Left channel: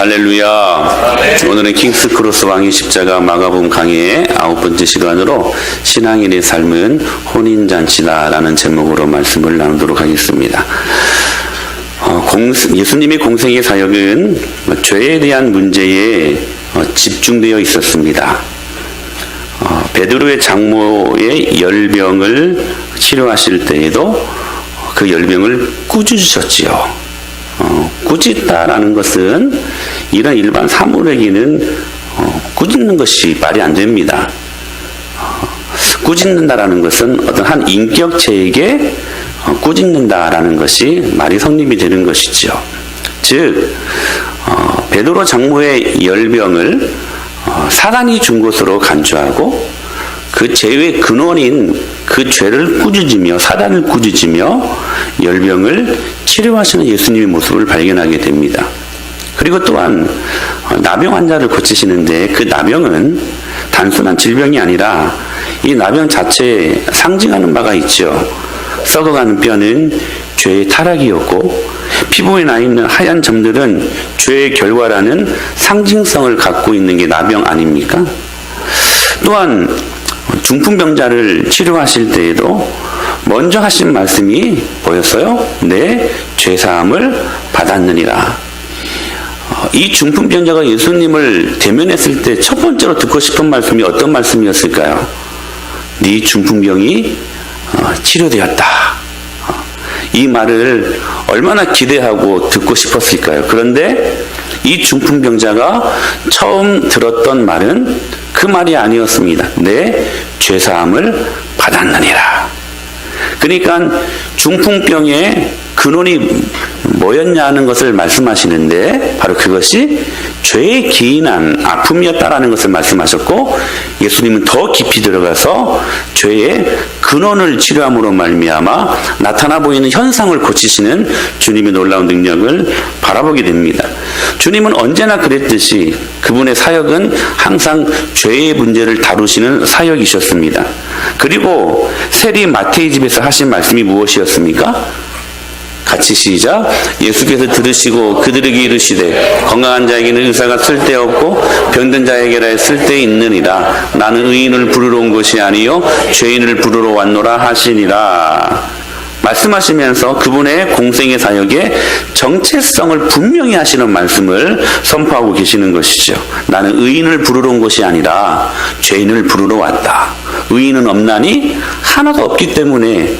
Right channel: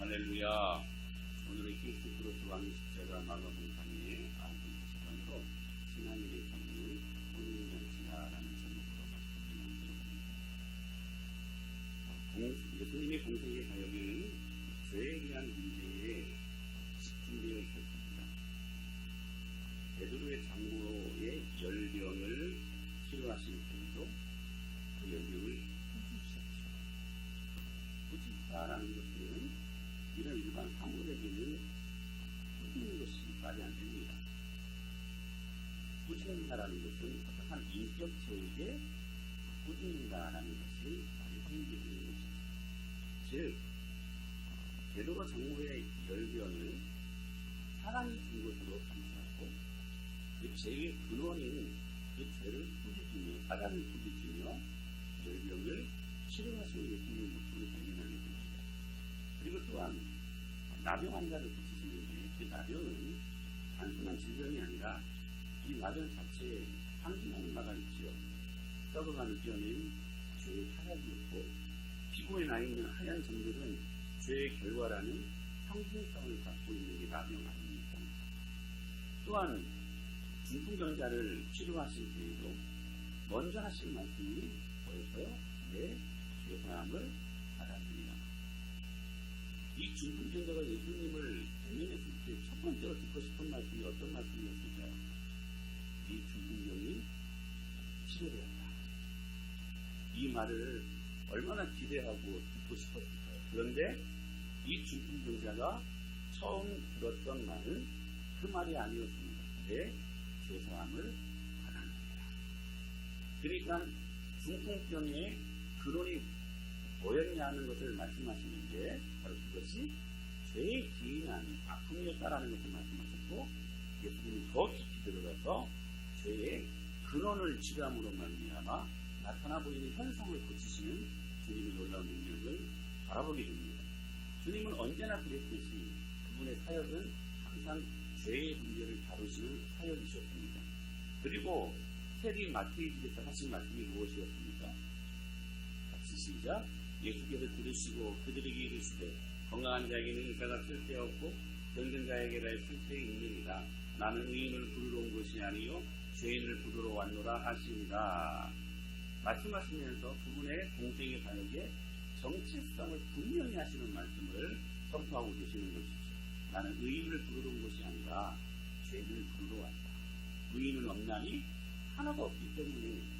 할렐루야. 오늘은 킹스 크로스 왕의 십자가 마가복음 강의의 9번째 시간으로 신앙인의 삶은 혼인잔치다라는 제목으로 말씀을 나누도록 하겠습니다. 예수님의 공생의 사역은 죄에 대한 문제에 집중되어 있었습니다. 베드로의 장모의 열병을 치료하실 때에도 그 열병을 꾸짖으셨지요. 꾸짖다라는 것은 이런 일반 사물에게는 꾸짖는 것이 말이 안 됩니다. 꾸짖는다라는 것은 어떤 한 인격체에게 꾸짖는다라는 것이 말이 성립이 되는 것이죠. 즉 베드로 장모의 열병을 사단이 준 것으로 간주하고 그 죄의 근원인 그 죄를 꾸짖으며 사단을 꾸짖으며 열병을 치료하시는 예수님의 모습을 발견하게 됩니다. 그리고 또한 나병 환자를 고치시는데 그 나병은 단순한 질병이 아니라 이 나병 자체에 상징하는 바가 있죠. 썩어가는 뼈는 죄의 타락이었고 피부에 나 있는 하얀 점들은 죄의 결과라는 상징성을 갖고 있는 게 나병 아닙니까? 또한 중풍병자를 치료하실 때에도 먼저 하신 말씀이 뭐였어요? 내 죄사함을 받았느니라. 이 중풍병자가 예수님을 대면했을 때 첫 번째로 듣고 싶은 말씀이 어떤 말씀이었을까요? 네 중풍병이 치료되었다. 이 말을 얼마나 기대하고 듣고 싶었을까요? 그런데 이 중풍병자가 처음 들었던 말은 그 말이 아니었습니다. 내 죄사함을 받았느니라. 그러니까 중풍병의 근원이 뭐였냐 하는 것을 말씀하시는데 바로 그것이 죄에 기인한 아픔이었다라는 것을 말씀하셨고 예수님은 더 깊이 들어가서 죄의 근원을 치료함으로 말미암아 나타나 보이는 현상을 고치시는 주님의 놀라운 능력을 바라보게 됩니다. 주님은 언제나 그랬듯이 그분의 사역은 항상 죄의 문제를 다루시는 사역이셨습니다. 그리고 세리 마태의 집에서 하신 말씀이 무엇이었습니까? 같이 시작. 예수께서 들으시고 그들에게 이르시되 건강한 자에게는 의사가 쓸데없고 병든 자에게라 쓸데있느니라. 나는 의인을 부르러 온 것이 아니요 죄인을 부르러 왔노라 하시니라. 말씀하시면서 그분의 공생의 사역의 정체성을 분명히 하시는 말씀을 선포하고 계시는 것이죠. 나는 의인을 부르러 온 것이 아니라 죄인을 부르러 왔다. 의인은 없나니 하나도 없기 때문에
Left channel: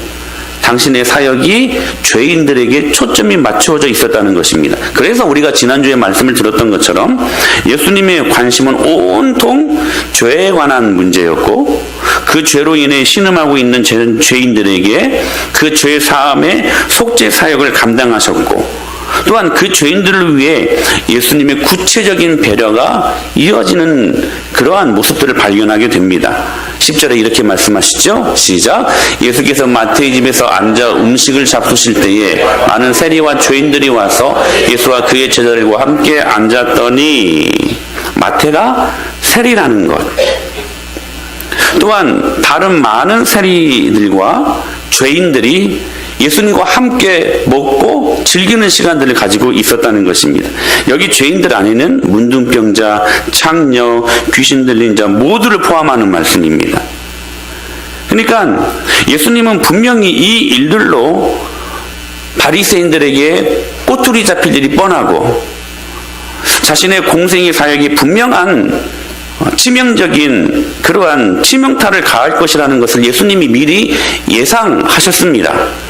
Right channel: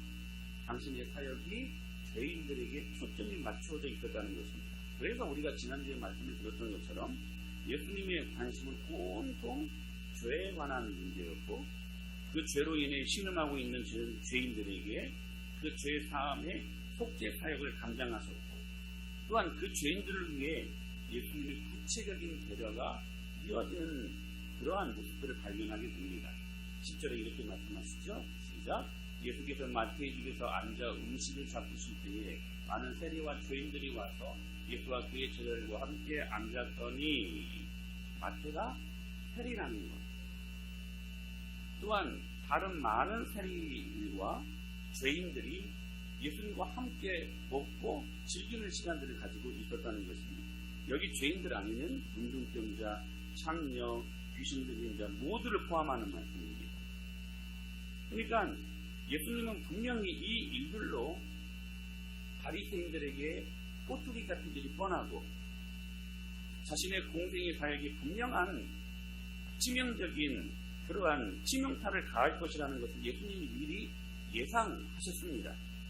당신의 사역이 죄인들에게 초점이 맞추어져 있었다는 것입니다. 그래서 우리가 지난주에 말씀을 들었던 것처럼 예수님의 관심은 온통 죄에 관한 문제였고 그 죄로 인해 신음하고 있는 죄인들에게 그 죄 사함의 속죄 사역을 감당하셨고 또한 그 죄인들을 위해 예수님의 구체적인 배려가 이어지는 그러한 모습들을 발견하게 됩니다. 10절에 이렇게 말씀하시죠. 시작. 예수께서 마태의 집에서 앉아 음식을 잡수실 때에 많은 세리와 죄인들이 와서 예수와 그의 제자들과 함께 앉았더니 마태가 세리라는 것 또한 다른 많은 세리들과 죄인들이 예수님과 함께 먹고 즐기는 시간들을 가지고 있었다는 것입니다. 여기 죄인들 안에는 문둥병자, 창녀, 귀신 들린 자 모두를 포함하는 말씀입니다. 그러니까 예수님은 분명히 이 일들로 바리새인들에게 꼬투리 잡힐 일이 뻔하고 자신의 공생의 사역이 분명한 치명적인 그러한 치명타를 가할 것이라는 것을 예수님이 미리 예상하셨습니다.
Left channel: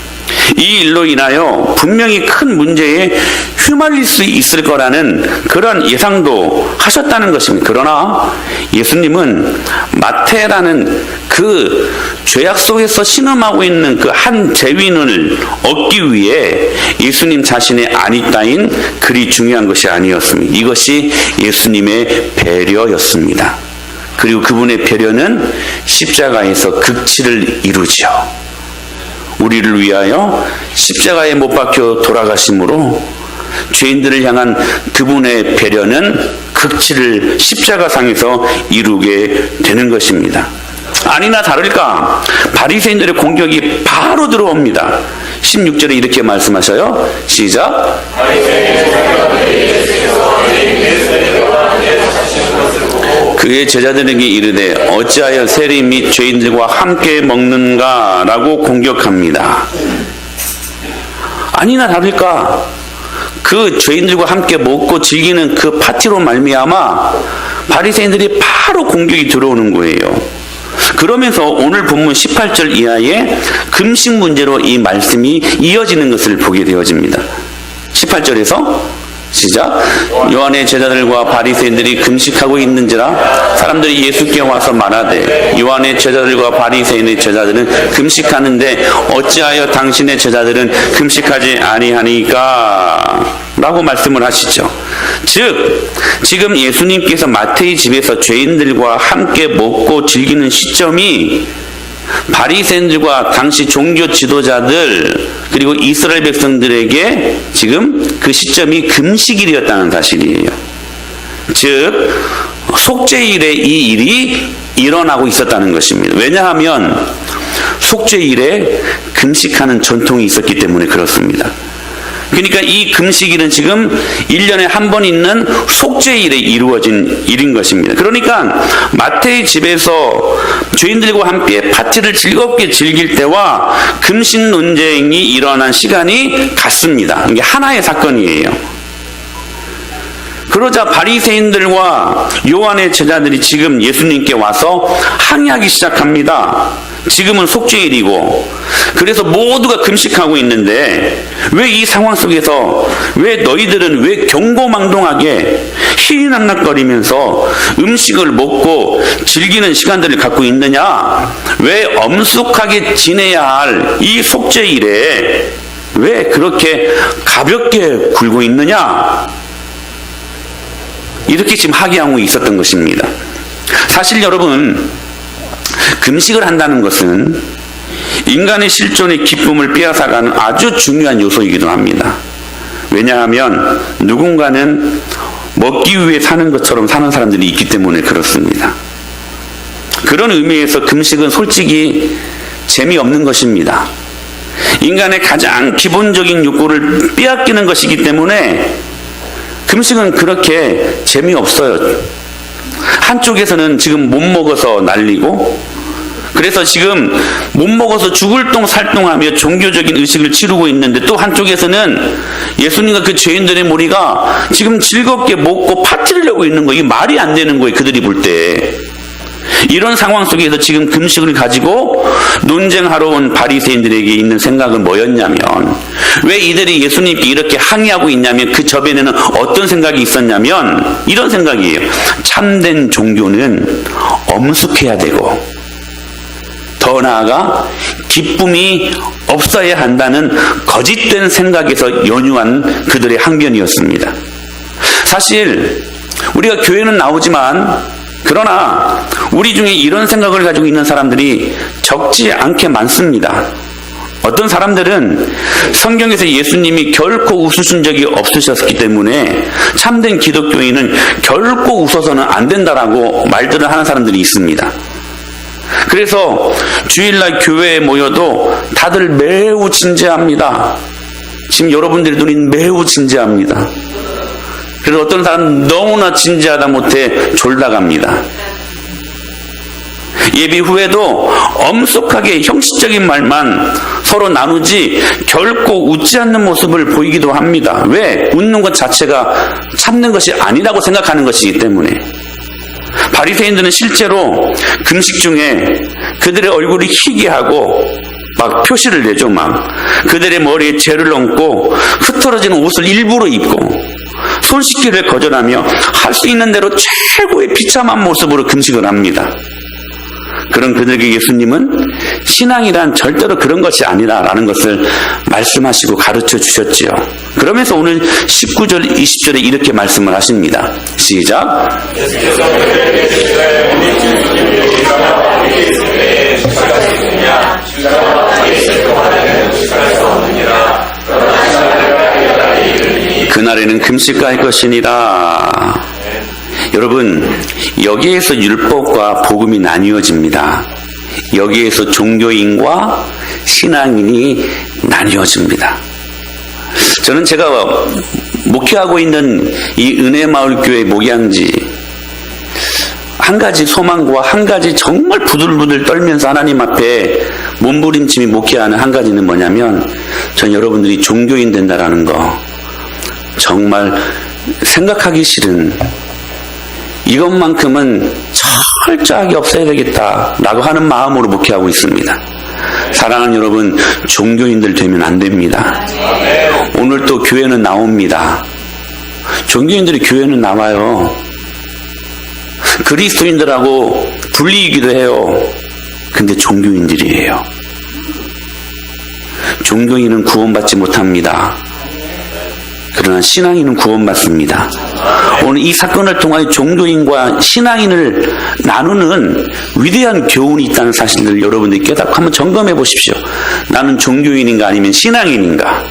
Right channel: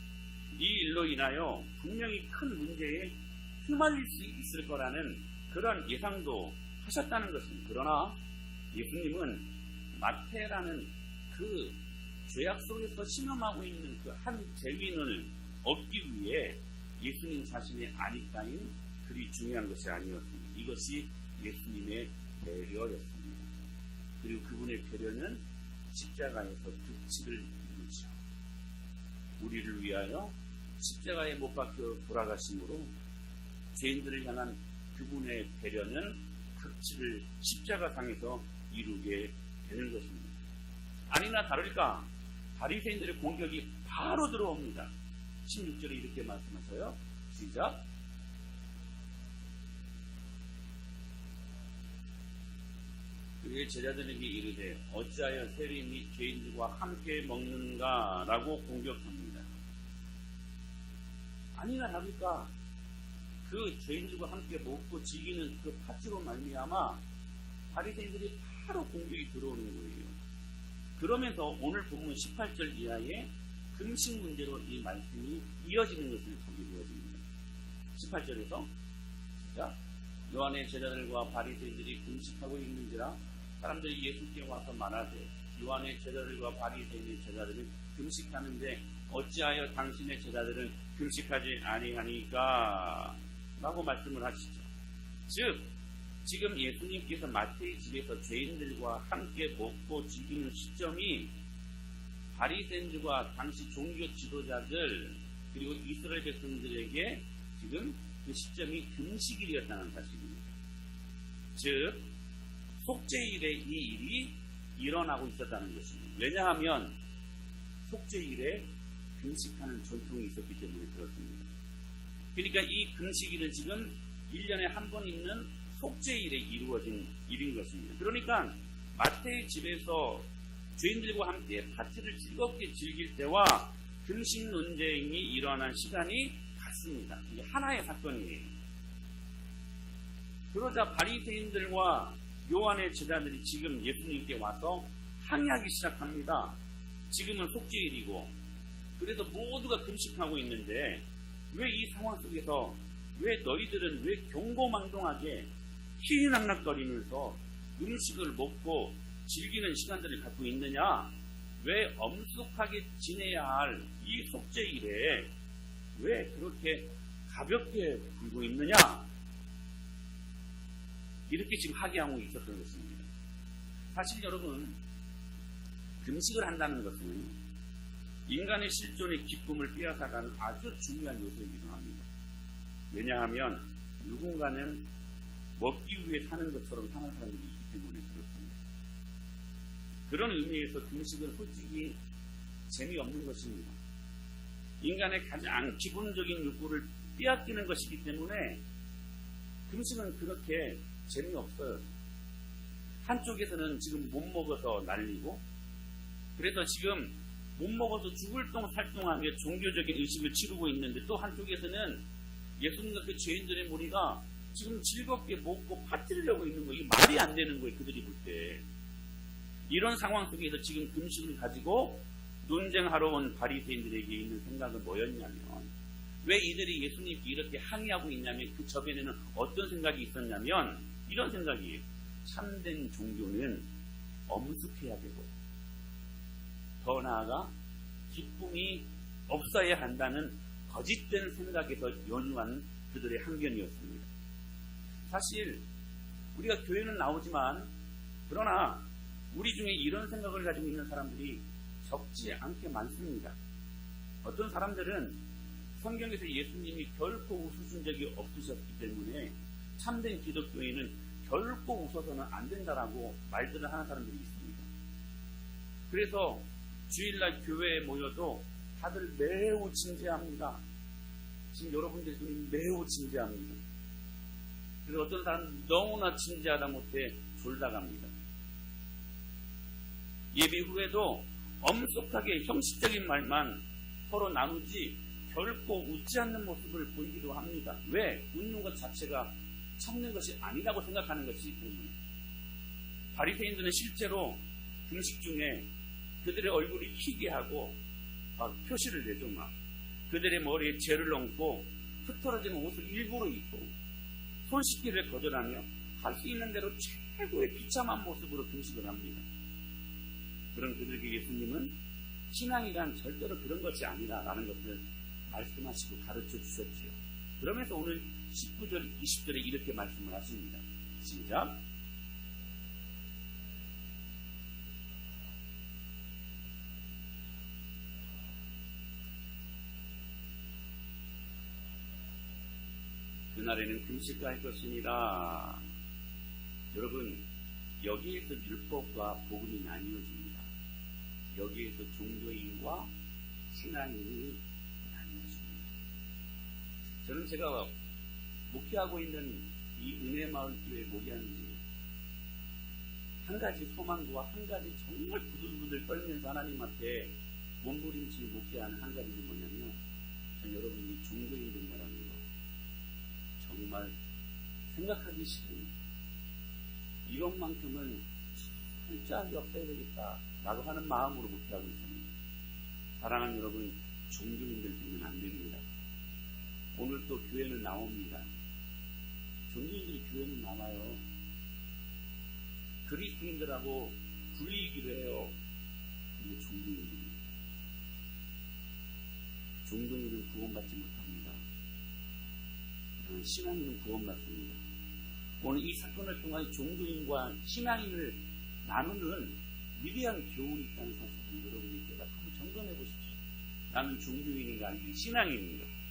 이 일로 인하여 분명히 큰 문제에 휘말릴 수 있을 거라는 그런 예상도 하셨다는 것입니다. 그러나 예수님은 마태라는 그 죄악 속에서 신음하고 있는 그 한 죄인을 얻기 위해 예수님 자신의 안위 따윈 그리 중요한 것이 아니었습니다. 이것이 예수님의 배려였습니다. 그리고 그분의 배려는 십자가에서 극치를 이루죠. 우리를 위하여 십자가에 못 박혀 돌아가심으로 죄인들을 향한 그분의 배려는 극치를 십자가상에서 이루게 되는 것입니다. 아니나 다를까 바리새인들의 공격이 바로 들어옵니다. 16절에 이렇게 말씀하셔요. 시작. 그의 제자들에게 이르되 어찌하여 세리 및 죄인들과 함께 먹는가 라고 공격합니다. 아니나 다를까 그 죄인들과 함께 먹고 즐기는 그 파티로 말미암아 바리새인들이 바로 공격이 들어오는 거예요. 그러면서 오늘 본문 18절 이하에 금식 문제로 이 말씀이 이어지는 것을 보게 되어집니다. 18절에서 시작. 요한의 제자들과 바리새인들이 금식하고 있는지라 사람들이 예수께 와서 말하되 요한의 제자들과 바리새인의 제자들은 금식하는데 어찌하여 당신의 제자들은 금식하지 아니하니까 라고 말씀을 하시죠. 즉 지금 예수님께서 마태의 집에서 죄인들과 함께 먹고 즐기는 시점이 바리새인들과 당시 종교 지도자들 그리고 이스라엘 백성들에게 지금 그 시점이 금식일이었다는 사실이에요. 즉 속죄일에 이 일이 일어나고 있었다는 것입니다. 왜냐하면 속죄일에 금식하는 전통이 있었기 때문에 그렇습니다. 그러니까 이 금식일은 지금 1년에 한 번 있는 속죄일에 이루어진 일인 것입니다. 그러니까 마태의 집에서 죄인들과 함께 파티를 즐겁게 즐길 때와 금식 논쟁이 일어난 시간이 같습니다. 이게 하나의 사건이에요. 그러자 바리새인들과 요한의 제자들이 지금 예수님께 와서 항의하기 시작합니다. 지금은 속죄일이고 그래서 모두가 금식하고 있는데 왜 이 상황 속에서 왜 너희들은 왜 경고망동하게 희희낙낙거리면서 음식을 먹고 즐기는 시간들을 갖고 있느냐? 왜 엄숙하게 지내야 할 이 속죄일에 왜 그렇게 가볍게 굴고 있느냐? 이렇게 지금 항의하고 있었던 것입니다. 사실 여러분 금식을 한다는 것은 인간의 실존의 기쁨을 빼앗아가는 아주 중요한 요소이기도 합니다. 왜냐하면 누군가는 먹기 위해 사는 것처럼 사는 사람들이 있기 때문에 그렇습니다. 그런 의미에서 금식은 솔직히 재미없는 것입니다. 인간의 가장 기본적인 욕구를 빼앗기는 것이기 때문에 금식은 그렇게 재미없어요. 한쪽에서는 지금 못 먹어서 난리고 그래서 지금 못 먹어서 죽을 똥 살똥하며 종교적인 의식을 치르고 있는데 또 한쪽에서는 예수님과 그 죄인들의 무리가 지금 즐겁게 먹고 파티를 하고 있는 거예요. 이게 말이 안 되는 거예요. 그들이 볼 때. 이런 상황 속에서 지금 금식을 가지고 논쟁하러 온 바리새인들에게 있는 생각은 뭐였냐면 왜 이들이 예수님께 이렇게 항의하고 있냐면 그 저변에는 어떤 생각이 있었냐면 이런 생각이에요. 참된 종교는 엄숙해야 되고 더 나아가 기쁨이 없어야 한다는 거짓된 생각에서 연유한 그들의 항변이었습니다. 사실 우리가 교회는 나오지만 그러나 우리 중에 이런 생각을 가지고 있는 사람들이 적지 않게 많습니다. 어떤 사람들은 성경에서 예수님이 결코 웃으신 적이 없으셨기 때문에 참된 기독교인은 결코 웃어서는 안 된다라고 말들을 하는 사람들이 있습니다. 그래서 주일날 교회에 모여도 다들 매우 진지합니다. 지금 여러분들의 눈이 매우 진지합니다. 그래서 어떤 사람은 너무나 진지하다 못해 졸다갑니다. 예비 후에도 엄숙하게 형식적인 말만 서로 나누지 결코 웃지 않는 모습을 보이기도 합니다. 왜? 웃는 것 자체가 참는 것이 아니라고 생각하는 것이기 때문에. 바리새인들은 실제로 금식 중에 그들의 얼굴이 희귀하고 막 표시를 내죠. 막 그들의 머리에 재를 얹고 흐트러지는 옷을 일부러 입고 손 씻기를 거절하며 할 수 있는 대로 최고의 비참한 모습으로 금식을 합니다. 그런 그들에게 예수님은 신앙이란 절대로 그런 것이 아니라라는 것을 말씀하시고 가르쳐 주셨지요. 그러면서 오늘 19절 20절에 이렇게 말씀을 하십니다. 시작. 그날에는 금식할 것이니라. 여러분, 여기에서 율법과 복음이 나뉘어집니다. 여기에서 종교인과 신앙인이 나뉘어집니다. 저는 제가 목회하고 있는 이 은혜마을교회 목양지 한 가지 소망과 한 가지 정말 부들부들 떨면서 하나님 앞에 몸부림치미 목회하는 한 가지는 뭐냐면, 전 여러분들이 종교인 된다라는 거 정말 생각하기 싫은, 이것만큼은 철저하게 없애야 되겠다라고 하는 마음으로 목회하고 있습니다. 사랑하는 여러분, 종교인들 되면 안 됩니다. 오늘 또 교회는 나옵니다. 종교인들이 교회는 나와요. 그리스도인들하고 불리기도 해요. 근데 종교인들이에요. 종교인은 구원받지 못합니다. 그러나 신앙인은 구원받습니다. 오늘 이 사건을 통하여 종교인과 신앙인을 나누는 위대한 교훈이 있다는 사실을 여러분들이 깨닫고 한번 점검해 보십시오. 나는 종교인인가 아니면 신앙인인가?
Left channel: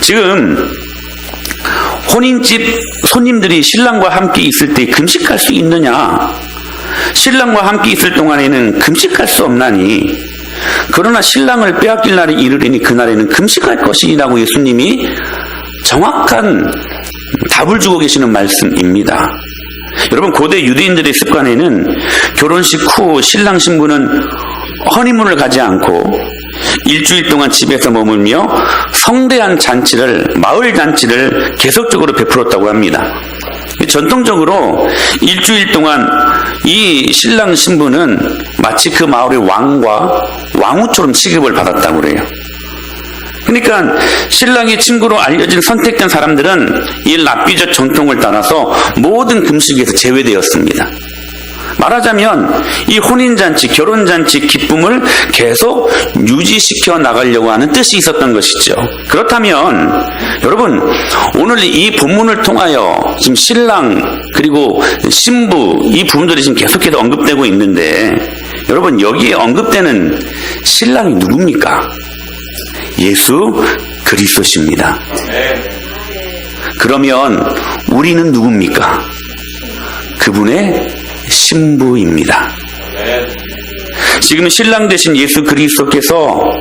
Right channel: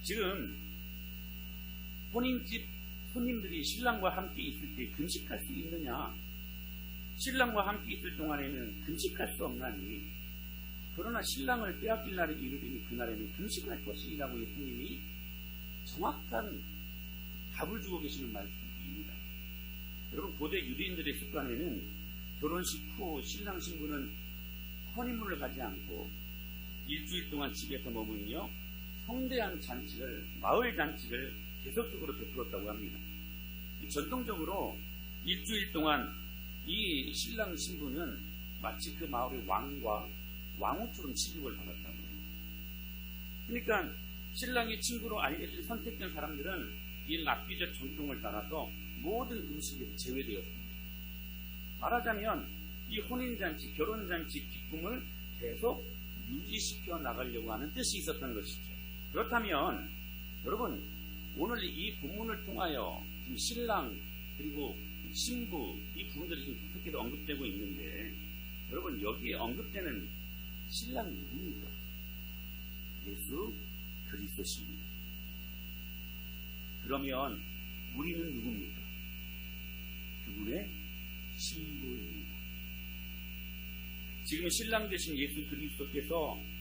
지금 혼인집 손님들이 신랑과 함께 있을 때 금식할 수 있느냐? 신랑과 함께 있을 동안에는 금식할 수 없나니, 그러나 신랑을 빼앗길 날이 이르리니 그날에는 금식할 것이라고 예수님이 정확한 답을 주고 계시는 말씀입니다. 여러분, 고대 유대인들의 습관에는 결혼식 후 신랑 신부는 허니문을 가지 않고 일주일 동안 집에서 머물며 성대한 잔치를, 마을 잔치를 계속적으로 베풀었다고 합니다. 전통적으로 일주일 동안 이 신랑 신부는 마치 그 마을의 왕과 왕후처럼 취급을 받았다고 그래요. 그러니까 신랑의 친구로 알려진 선택된 사람들은 이 랍비적 전통을 따라서 모든 금식에서 제외되었습니다. 말하자면 이 혼인잔치, 결혼잔치 기쁨을 계속 유지시켜 나가려고 하는 뜻이 있었던 것이죠. 그렇다면 여러분, 오늘 이 본문을 통하여 지금 신랑 그리고 신부 이 부분들이 지금 계속해서 언급되고 있는데, 여러분, 여기에 언급되는 신랑이 누굽니까? 예수 그리스도십니다. 그러면 우리는 누굽니까? 그분의 신부입니다. 지금 신랑 되신 예수 그리스도께서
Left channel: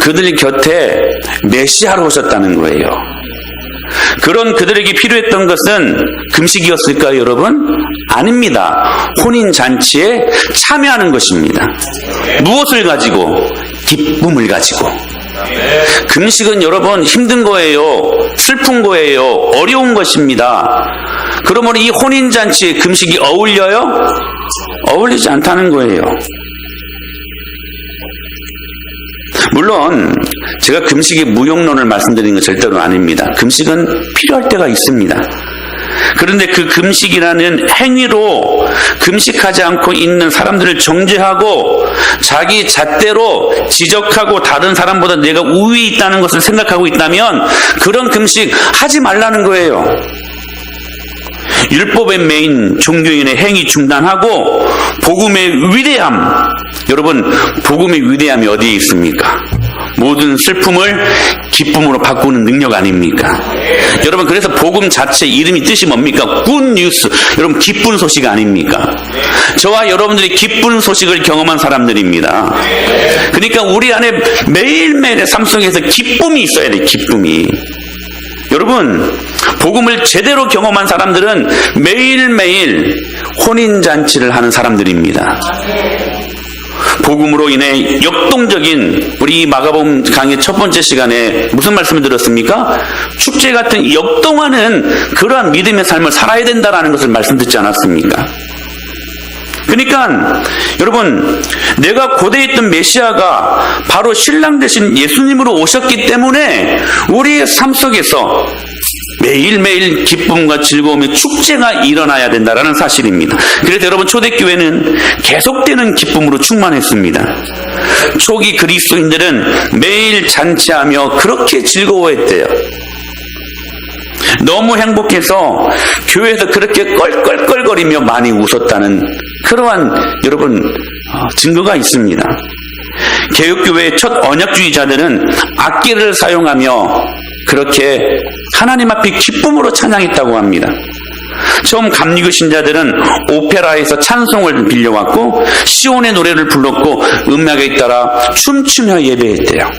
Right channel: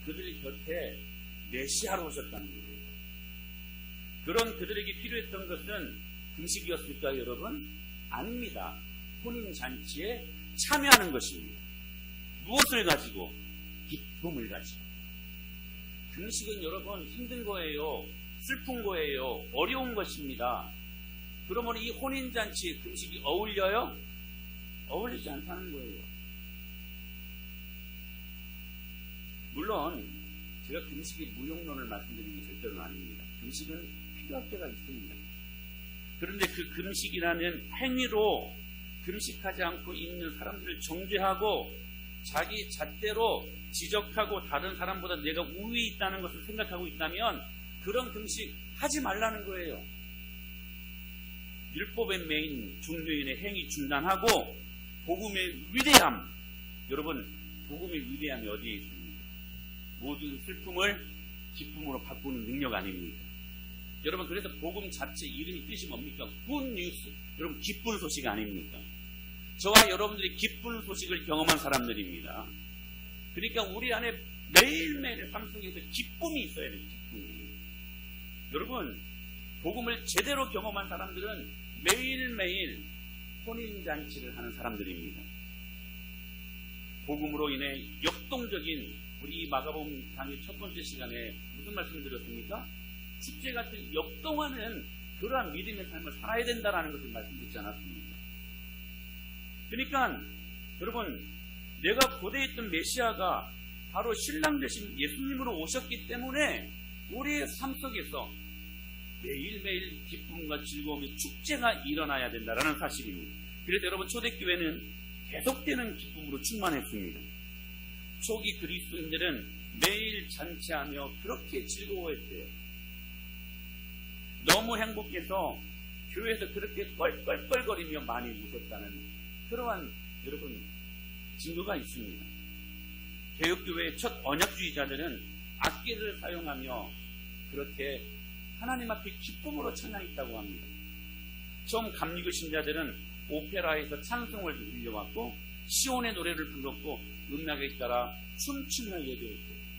그들 곁에 메시아로 오셨다는 거예요. 그런 그들에게 필요했던 것은 금식이었을까요, 여러분? 아닙니다. 혼인잔치에 참여하는 것입니다. 무엇을 가지고? 기쁨을 가지고. 금식은 여러분 힘든 거예요. 슬픈 거예요. 어려운 것입니다. 그러면 이 혼인잔치에 금식이 어울려요? 어울리지 않다는 거예요. 물론 제가 금식의 무용론을 말씀드리는 건 절대로 아닙니다. 금식은 필요할 때가 있습니다. 그런데 그 금식이라는 행위로 금식하지 않고 있는 사람들을 정죄하고 자기 잣대로 지적하고 다른 사람보다 내가 우위 있다는 것을 생각하고 있다면 그런 금식 하지 말라는 거예요. 율법의 메인 종교인의 행위 중단하고 복음의 위대함, 여러분, 복음의 위대함이 어디에 있습니까? 모든 슬픔을 기쁨으로 바꾸는 능력 아닙니까? 여러분, 그래서 복음 자체 이름이 뜻이 뭡니까? 굿뉴스. 여러분, 기쁜 소식 아닙니까? 저와 여러분들이 기쁜 소식을 경험한 사람들입니다. 그러니까 우리 안에 매일매일의 삶 속에서 기쁨이 있어야 돼, 기쁨이. 여러분, 복음을 제대로 경험한 사람들은 매일매일 혼인잔치를 하는 사람들입니다. 복음으로 인해 역동적인, 우리 마가복음 강의 첫 번째 시간에 무슨 말씀을 들었습니까? 축제 같은 역동하는 그러한 믿음의 삶을 살아야 된다는 것을 말씀드리지 않았습니까? 그러니까 여러분, 내가 고대에 있던 메시아가 바로 신랑 되신 예수님으로 오셨기 때문에 우리의 삶 속에서 매일매일 기쁨과 즐거움의 축제가 일어나야 된다는 사실입니다. 그래서 여러분, 초대교회는 계속되는 기쁨으로 충만했습니다. 초기 그리스도인들은 매일 잔치하며 그렇게 즐거워했대요. 너무 행복해서 교회에서 그렇게 껄껄껄거리며 많이 웃었다는 그러한 여러분 증거가 있습니다. 개혁교회의 첫 언약주의자들은 악기를 사용하며 그렇게 하나님 앞에 기쁨으로 찬양했다고 합니다. 처음 감리교 신자들은 오페라에서 찬송을 빌려왔고 시온의 노래를 불렀고 음악에 따라 춤추며 예배했대요.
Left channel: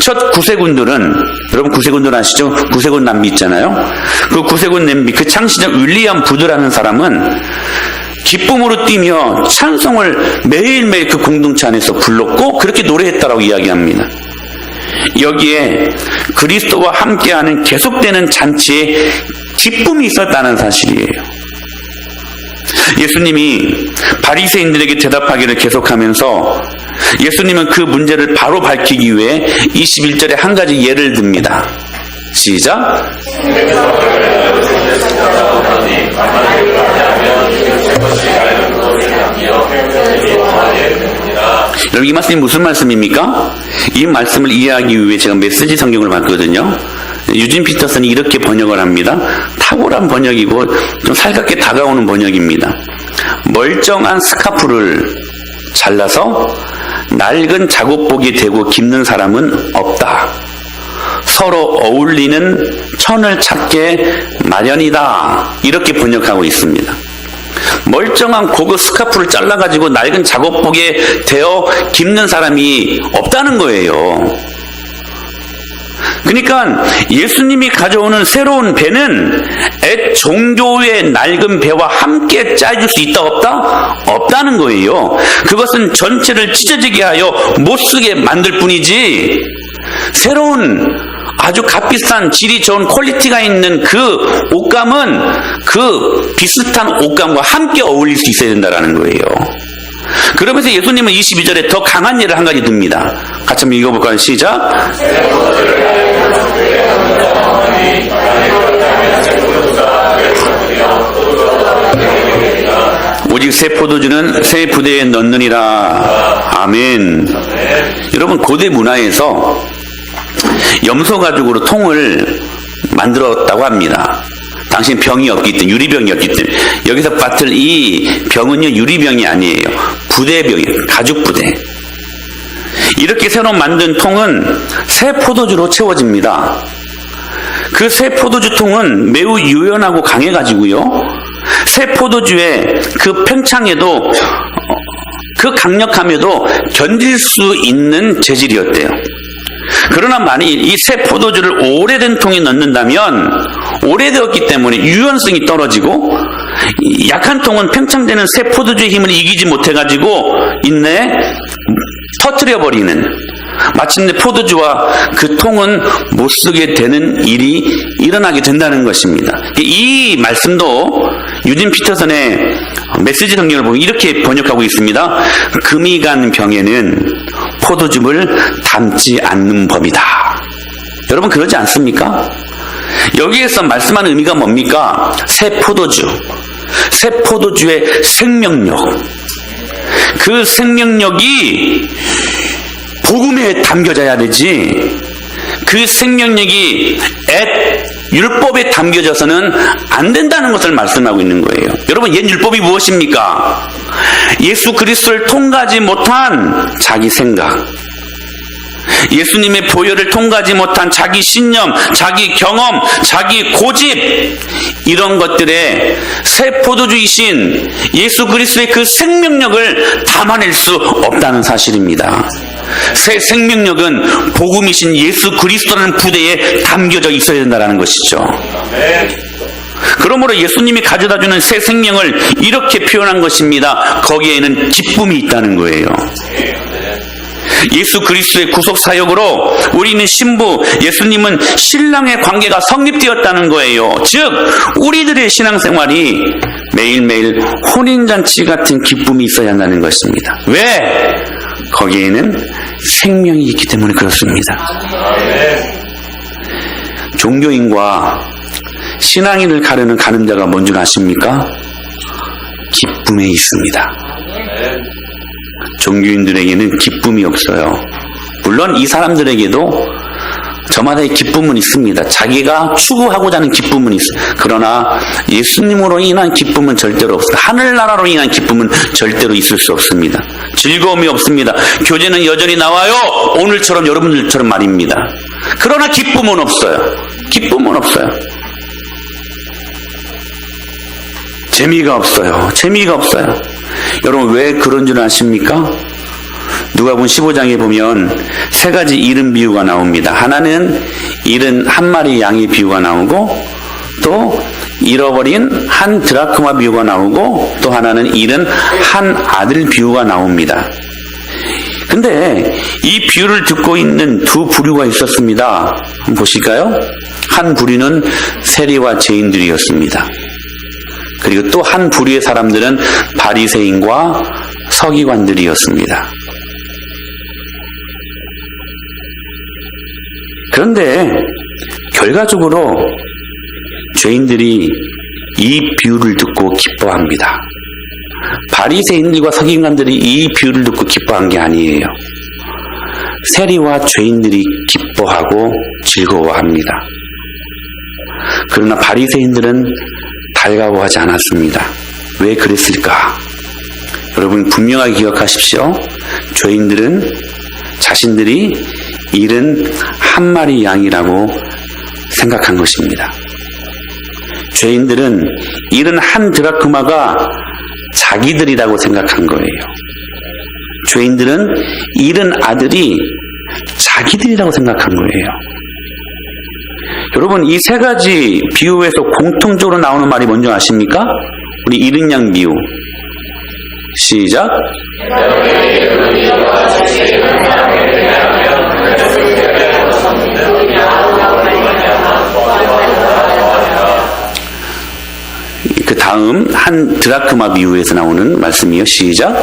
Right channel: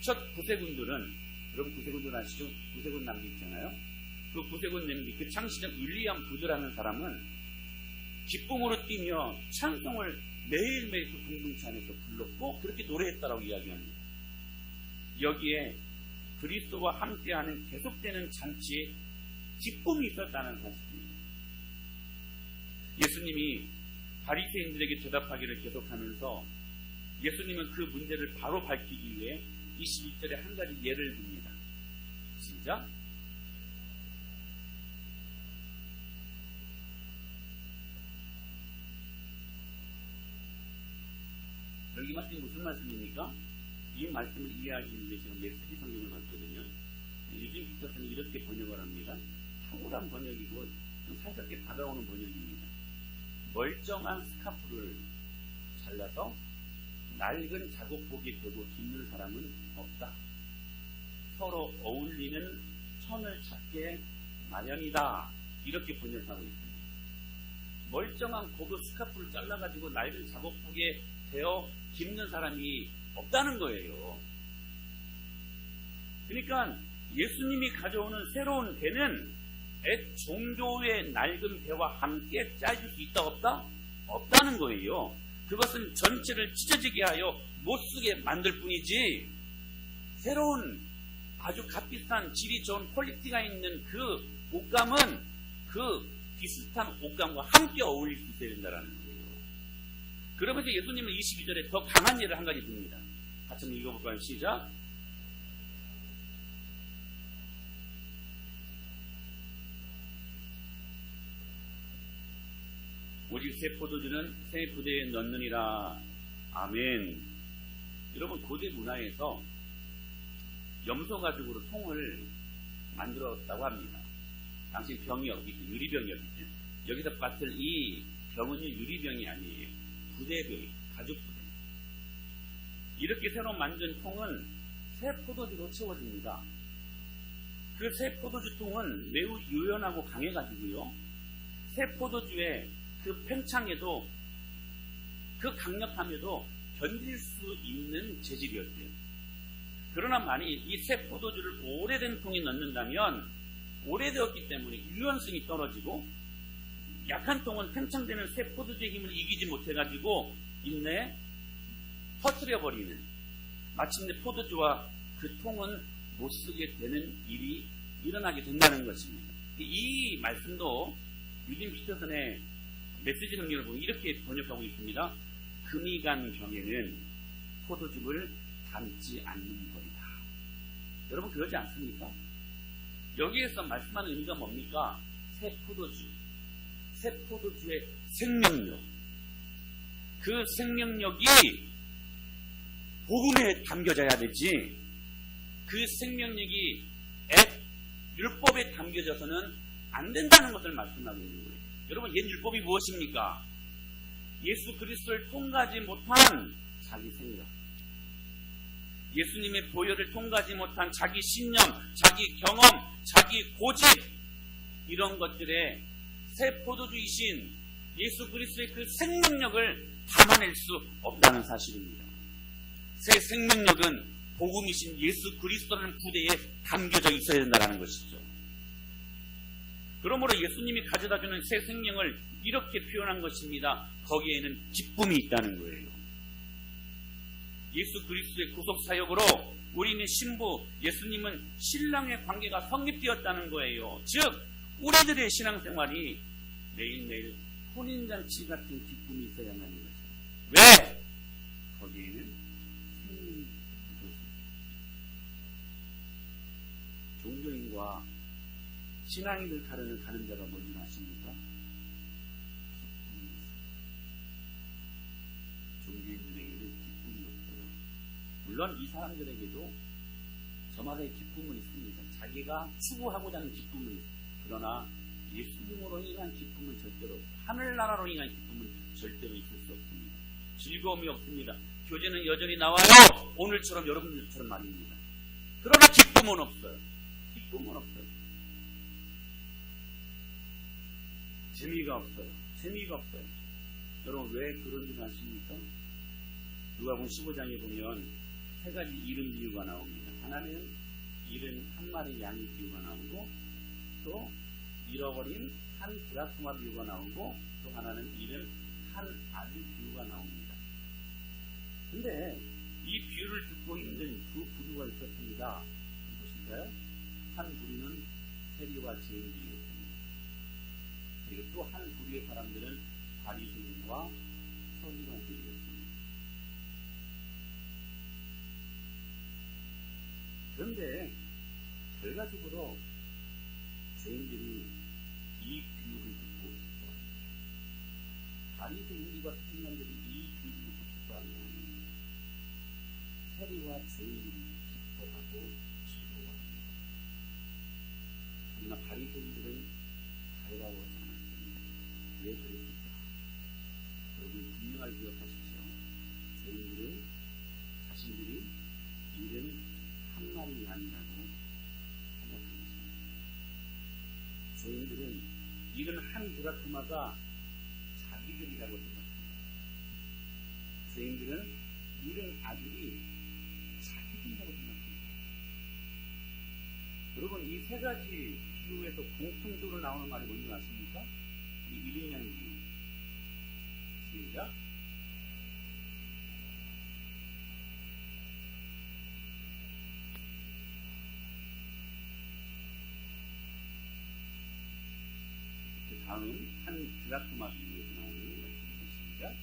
첫 구세군들은, 여러분 구세군들 아시죠? 구세군 남비 있잖아요. 그 구세군 남비, 그 창시자 윌리엄 부드라는 사람은 기쁨으로 뛰며 찬송을 매일매일 그 공동체 안에서 불렀고 그렇게 노래했다라고 이야기합니다. 여기에 그리스도와 함께하는 계속되는 잔치에 기쁨이 있었다는 사실이에요. 예수님이 바리새인들에게 대답하기를 계속하면서 예수님은 그 문제를 바로 밝히기 위해 21절에 한 가지 예를 듭니다. 시작. 여러분 이 말씀이 무슨 말씀입니까? 이 말씀을 이해하기 위해 제가 메시지 성경을 봤거든요. 유진 피터슨이 이렇게 번역을 합니다. 탁월한 번역이고 좀 살갑게 다가오는 번역입니다. 멀쩡한 스카프를 잘라서 낡은 작업복에 대고 깁는 사람은 없다. 서로 어울리는 천을 찾게 마련이다. 이렇게 번역하고 있습니다. 멀쩡한 고급 스카프를 잘라가지고 낡은 작업복에 대어 깁는 사람이 없다는 거예요. 그러니까 예수님이 가져오는 새로운 배는 옛 종교의 낡은 배와 함께 짜줄 수 있다 없다? 없다는 거예요. 그것은 전체를 찢어지게 하여 못쓰게 만들 뿐이지 새로운 아주 값비싼 질이 좋은 퀄리티가 있는 그 옷감은 그 비슷한 옷감과 함께 어울릴 수 있어야 된다는 거예요. 그러면서 예수님은 22절에 더 강한 예를 한 가지 듭니다. 같이 한번 읽어볼까요? 시작. 오직 새 포도주는 새 부대에 넣느니라. 아멘. 여러분 고대 문화에서 염소 가죽으로 통을 만들었다고 합니다. 당신 병이 없기 때문에, 유리병이었기 때문에. 여기서 봤을 이 병은요 유리병이 아니에요. 부대병이에요. 가죽 부대. 이렇게 새로 만든 통은 새 포도주로 채워집니다. 그 새 포도주 통은 매우 유연하고 강해가지고요, 새 포도주의 그 팽창에도, 그 강력함에도 견딜 수 있는 재질이었대요. 그러나 만일 이 새 포도주를 오래된 통에 넣는다면 오래되었기 때문에 유연성이 떨어지고 약한 통은 팽창되는 새 포도주의 힘을 이기지 못해가지고 터뜨려버리는, 마침내 포도주와 그 통은 못쓰게 되는 일이 일어나게 된다는 것입니다. 이 말씀도 유진 피터슨의 메시지 성경을 보면 이렇게 번역하고 있습니다. 금이 간 병에는 포도즙을 담지 않는 법이다. 여러분 그러지 않습니까? 여기에서 말씀하는 의미가 뭡니까? 새 포도주, 새 포도주의 생명력, 그 생명력이 복음에 담겨져야 되지, 그 생명력이 율법에 담겨져서는 안 된다는 것을 말씀하고 있는 거예요. 여러분 옛 율법이 무엇입니까? 예수 그리스도를 통과하지 못한 자기 생각, 예수님의 보혈을 통과하지 못한 자기 신념, 자기 경험, 자기 고집, 이런 것들에 새 포도주이신 예수 그리스도의 그 생명력을 담아낼 수 없다는 사실입니다. 새 생명력은 복음이신 예수 그리스도라는 부대에 담겨져 있어야 된다는 것이죠. 그러므로 예수님이 가져다주는 새 생명을 이렇게 표현한 것입니다. 거기에는 기쁨이 있다는 거예요. 예수 그리스도의 구속 사역으로 우리는 신부, 예수님은 신랑의 관계가 성립되었다는 거예요. 즉 우리들의 신앙생활이 매일매일 혼인잔치 같은 기쁨이 있어야 한다는 것입니다. 왜? 거기에는 생명이 있기 때문에 그렇습니다. 종교인과 신앙인을 가르는 가늠자가 뭔 줄 아십니까? 기쁨에 있습니다. 종교인들에게는 기쁨이 없어요. 물론 이 사람들에게도 저마다의 기쁨은 있습니다. 자기가 추구하고자 하는 기쁨은 있어요. 그러나 예수님으로 인한 기쁨은 절대로 없습니다. 하늘나라로 인한 기쁨은 절대로 있을 수 없습니다. 즐거움이 없습니다. 교제는 여전히 나와요. 오늘처럼 여러분들처럼 말입니다. 그러나 기쁨은 없어요. 기쁨은 없어요. 재미가 없어요. 재미가 없어요. 여러분 왜 그런 줄 아십니까? 누가복음 15장에 보면 세 가지 잃은 비유가 나옵니다. 하나는 잃은 한 마리 양의 비유가 나오고, 또 잃어버린 한 드라크마 비유가 나오고, 또 하나는 잃은 한 아들 비유가 나옵니다. 근데 이 비유를 듣고 있는 두 부류가 있었습니다. 한번 보실까요? 한 부류는 세리와 죄인들이었습니다. 그리고 또 한 부류의 사람들은 바리새인과 서기관들이었습니다. 그런데 결과적으로 죄인들이 이 비유를 듣고 기뻐합니다. 바리새인들과 서기관들이 이 비유를 듣고 기뻐한 게 아니에요. 세리와 죄인들이 기뻐하고 즐거워합니다. 그러나 바리새인들은 달가워하지 않았습니다. 왜 그랬을까? 여러분 분명하게 기억하십시오. 죄인들은 자신들이 잃은 한 마리 양이라고 생각한 것입니다. 죄인들은 잃은 한 드라크마가 자기들이라고 생각한 거예요. 죄인들은 잃은 아들이 자기들이라고 생각한 거예요. 여러분 이 세 가지 비유에서 공통적으로 나오는 말이 뭔지 아십니까? 우리 잃은 양 비유. 시작. 그 다음 한 드라크마 비유에서 나오는 말씀이요. 시작.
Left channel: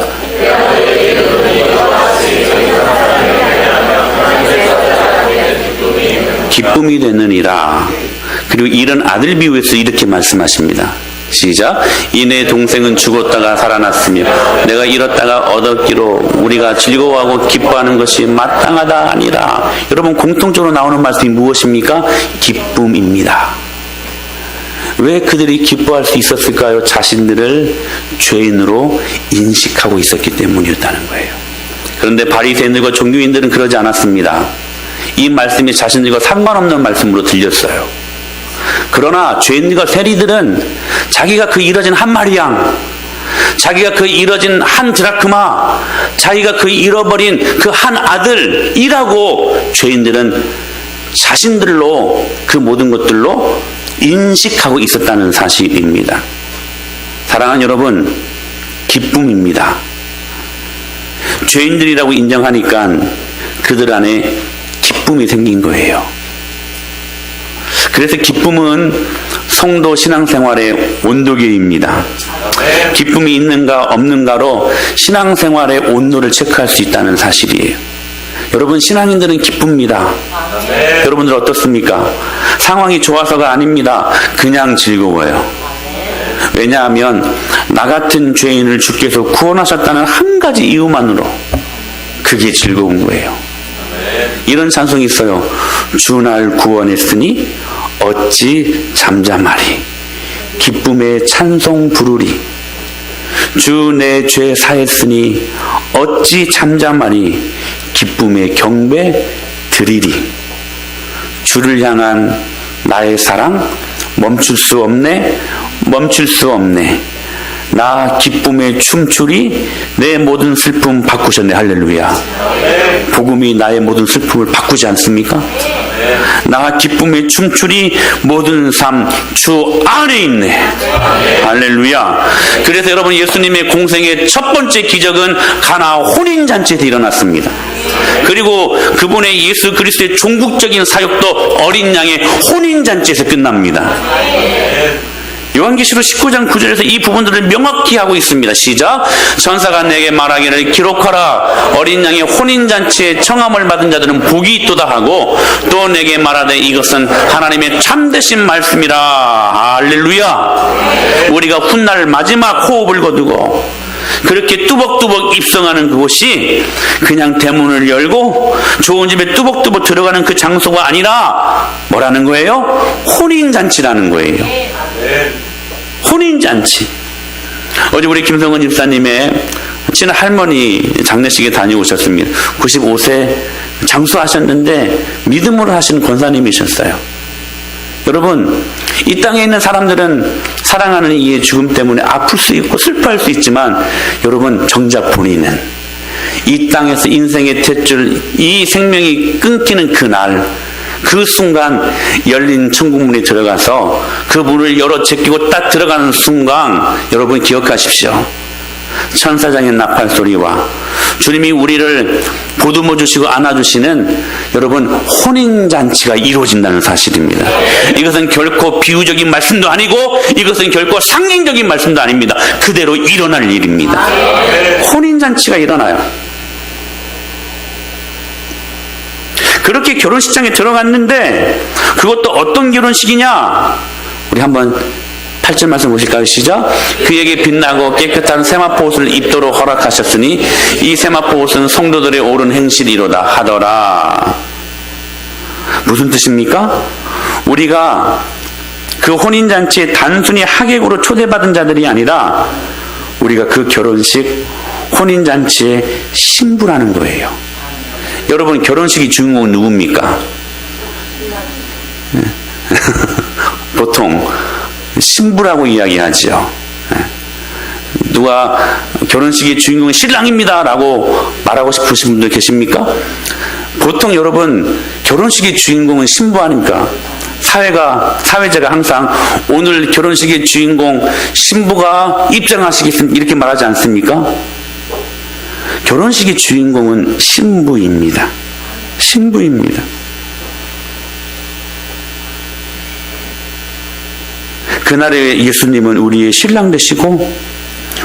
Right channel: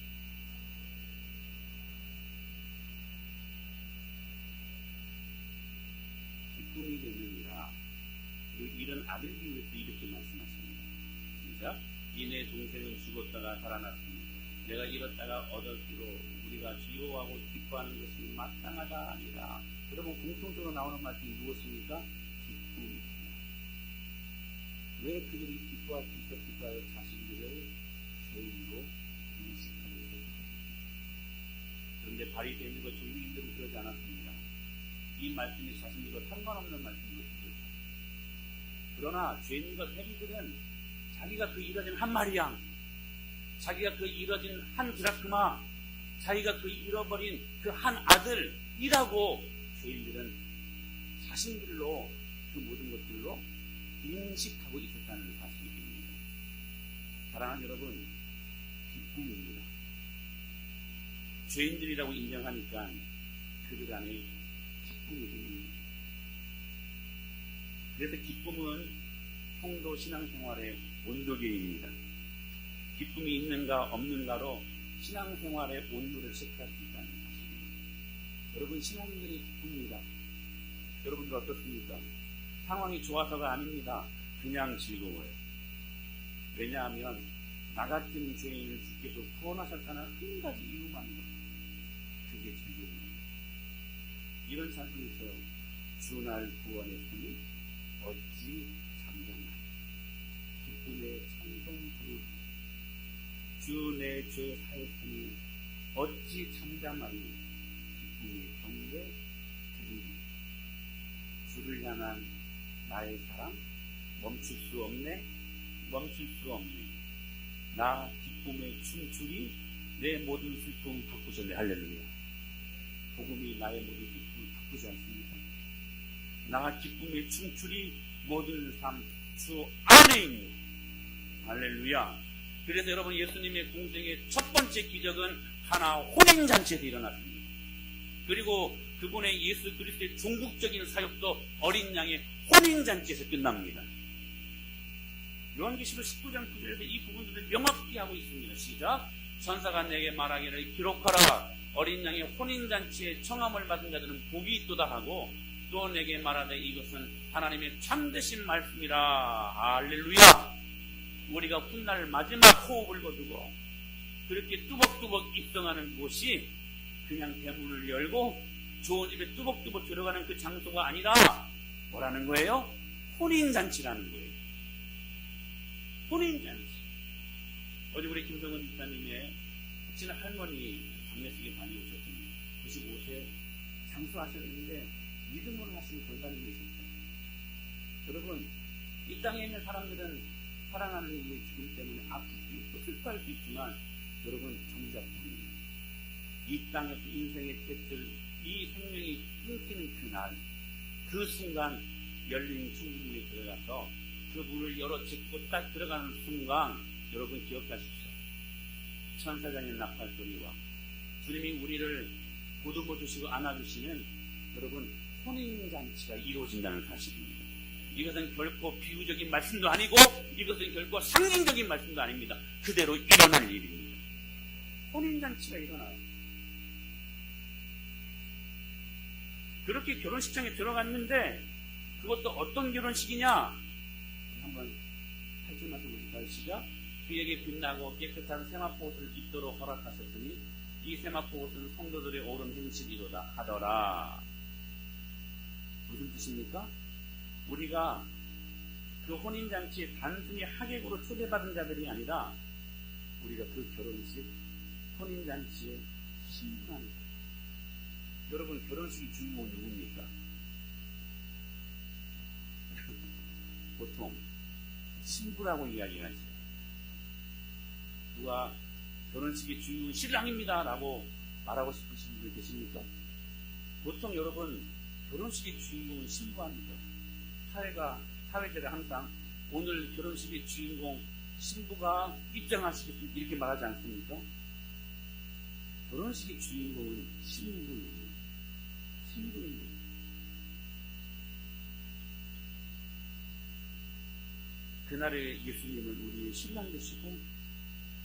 기쁨이 되느니라. 그리고 이런 아들 비유에서 이렇게 말씀하십니다. 시작. 이내 동생은 죽었다가 살아났으며 내가 잃었다가 얻었기로 우리가 즐거워하고 기뻐하는 것이 마땅하다 아니라. 여러분 공통적으로 나오는 말씀이 무엇입니까? 기쁨입니다. 왜 그들이 기뻐할 수 있었을까요? 자신들을 죄인으로 인식하고 있었기 때문이었다는 거예요. 그런데 바리새인들과 종교인들은 그러지 않았습니다. 이 말씀이 자신들과 상관없는 말씀으로 들렸어요. 그러나 죄인들과 세리들은 자기가 그 잃어진 한 마리 양, 자기가 그 잃어진 한 드라크마, 자기가 그 잃어버린 그 한 아들이라고 죄인들은 자신들로 그 모든 것들로 인식하고 있었다는 사실입니다. 사랑하는 여러분, 기쁨입니다. 죄인들이라고 인정하니까 그들 안에 기쁨이 생긴 거예요. 그래서 기쁨은 성도 신앙생활의 온도계입니다. 기쁨이 있는가 없는가로 신앙생활의 온도를 체크할 수 있다는 사실이에요. 여러분 신앙인들은 기쁩니다. 여러분들 어떻습니까? 상황이 좋아서가 아닙니다. 그냥 즐거워요. 왜냐하면 나 같은 죄인을 주께서 구원하셨다는 한 가지 이유만으로 그게 즐거운 거예요. 이런 찬송이 있어요. 주 날 구원했으니 어찌 잠잠하리 기쁨의 찬송 부르리 주 내 죄 사했으니 어찌 잠잠하리 기쁨의 경배 드리리. 주를 향한 나의 사랑 멈출 수 없네 멈출 수 없네. 나 기쁨에 춤추리 내 모든 슬픔 바꾸셨네. 할렐루야. 복음이 나의 모든 슬픔을 바꾸지 않습니까? 나 기쁨에 춤추리 모든 삶 주 안에 있네. 할렐루야. 그래서 여러분 예수님의 공생의 첫 번째 기적은 가나 혼인잔치에서 일어났습니다. 그리고 그분의 예수 그리스도의 종국적인 사역도 어린 양의 혼인잔치에서 끝납니다. 요한계시록 19장 9절에서 이 부분들을 명확히 하고 있습니다. 시작. 천사가 내게 말하기를 기록하라. 어린 양의 혼인잔치에 청함을 받은 자들은 복이 있도다 하고 또 내게 말하되 이것은 하나님의 참되신 말씀이라. 할렐루야. 우리가 훗날 마지막 호흡을 거두고 그렇게 뚜벅뚜벅 입성하는 그곳이 그냥 대문을 열고 좋은 집에 뚜벅뚜벅 들어가는 그 장소가 아니라 뭐라는 거예요? 혼인잔치라는 거예요. 혼인잔치. 어제 우리 김성은 집사님의 친한 할머니 장례식에 다녀오셨습니다. 95세 장수하셨는데 믿음으로 하시는 권사님이셨어요. 여러분 이 땅에 있는 사람들은 사랑하는 이의 죽음 때문에 아플 수 있고 슬퍼할 수 있지만 여러분 정작 본인은 이 땅에서 인생의 탯줄, 이 생명이 끊기는 그날, 그 순간 열린 천국문에 들어가서 그 문을 열어 제끼고 딱 들어가는 순간, 여러분 기억하십시오. 천사장의 나팔 소리와 주님이 우리를 보듬어 주시고 안아주시는 여러분 혼인잔치가 이루어진다는 사실입니다. 이것은 결코 비유적인 말씀도 아니고 이것은 결코 상징적인 말씀도 아닙니다. 그대로 일어날 일입니다. 혼인잔치가 일어나요. 그렇게 결혼식장에 들어갔는데 그것도 어떤 결혼식이냐? 우리 한번 8절 말씀 보실까요? 시작. 그에게 빛나고 깨끗한 세마포 옷을 입도록 허락하셨으니 이 세마포 옷은 성도들의 옳은 행실이로다 하더라. 무슨 뜻입니까? 우리가 그 혼인잔치에 단순히 하객으로 초대받은 자들이 아니라 우리가 그 결혼식 혼인잔치의 신부라는 거예요. 여러분 결혼식의 주인공은 누굽니까? 보통 신부라고 이야기하죠. 누가 결혼식의 주인공은 신랑입니다 라고 말하고 싶으신 분들 계십니까? 보통 여러분 결혼식의 주인공은 신부 아닙니까? 사회자가 항상 오늘 결혼식의 주인공 신부가 입장하시겠습니다 이렇게 말하지 않습니까? 결혼식의 주인공은 신부입니다. 신부입니다. 그날에 예수님은 우리의 신랑 되시고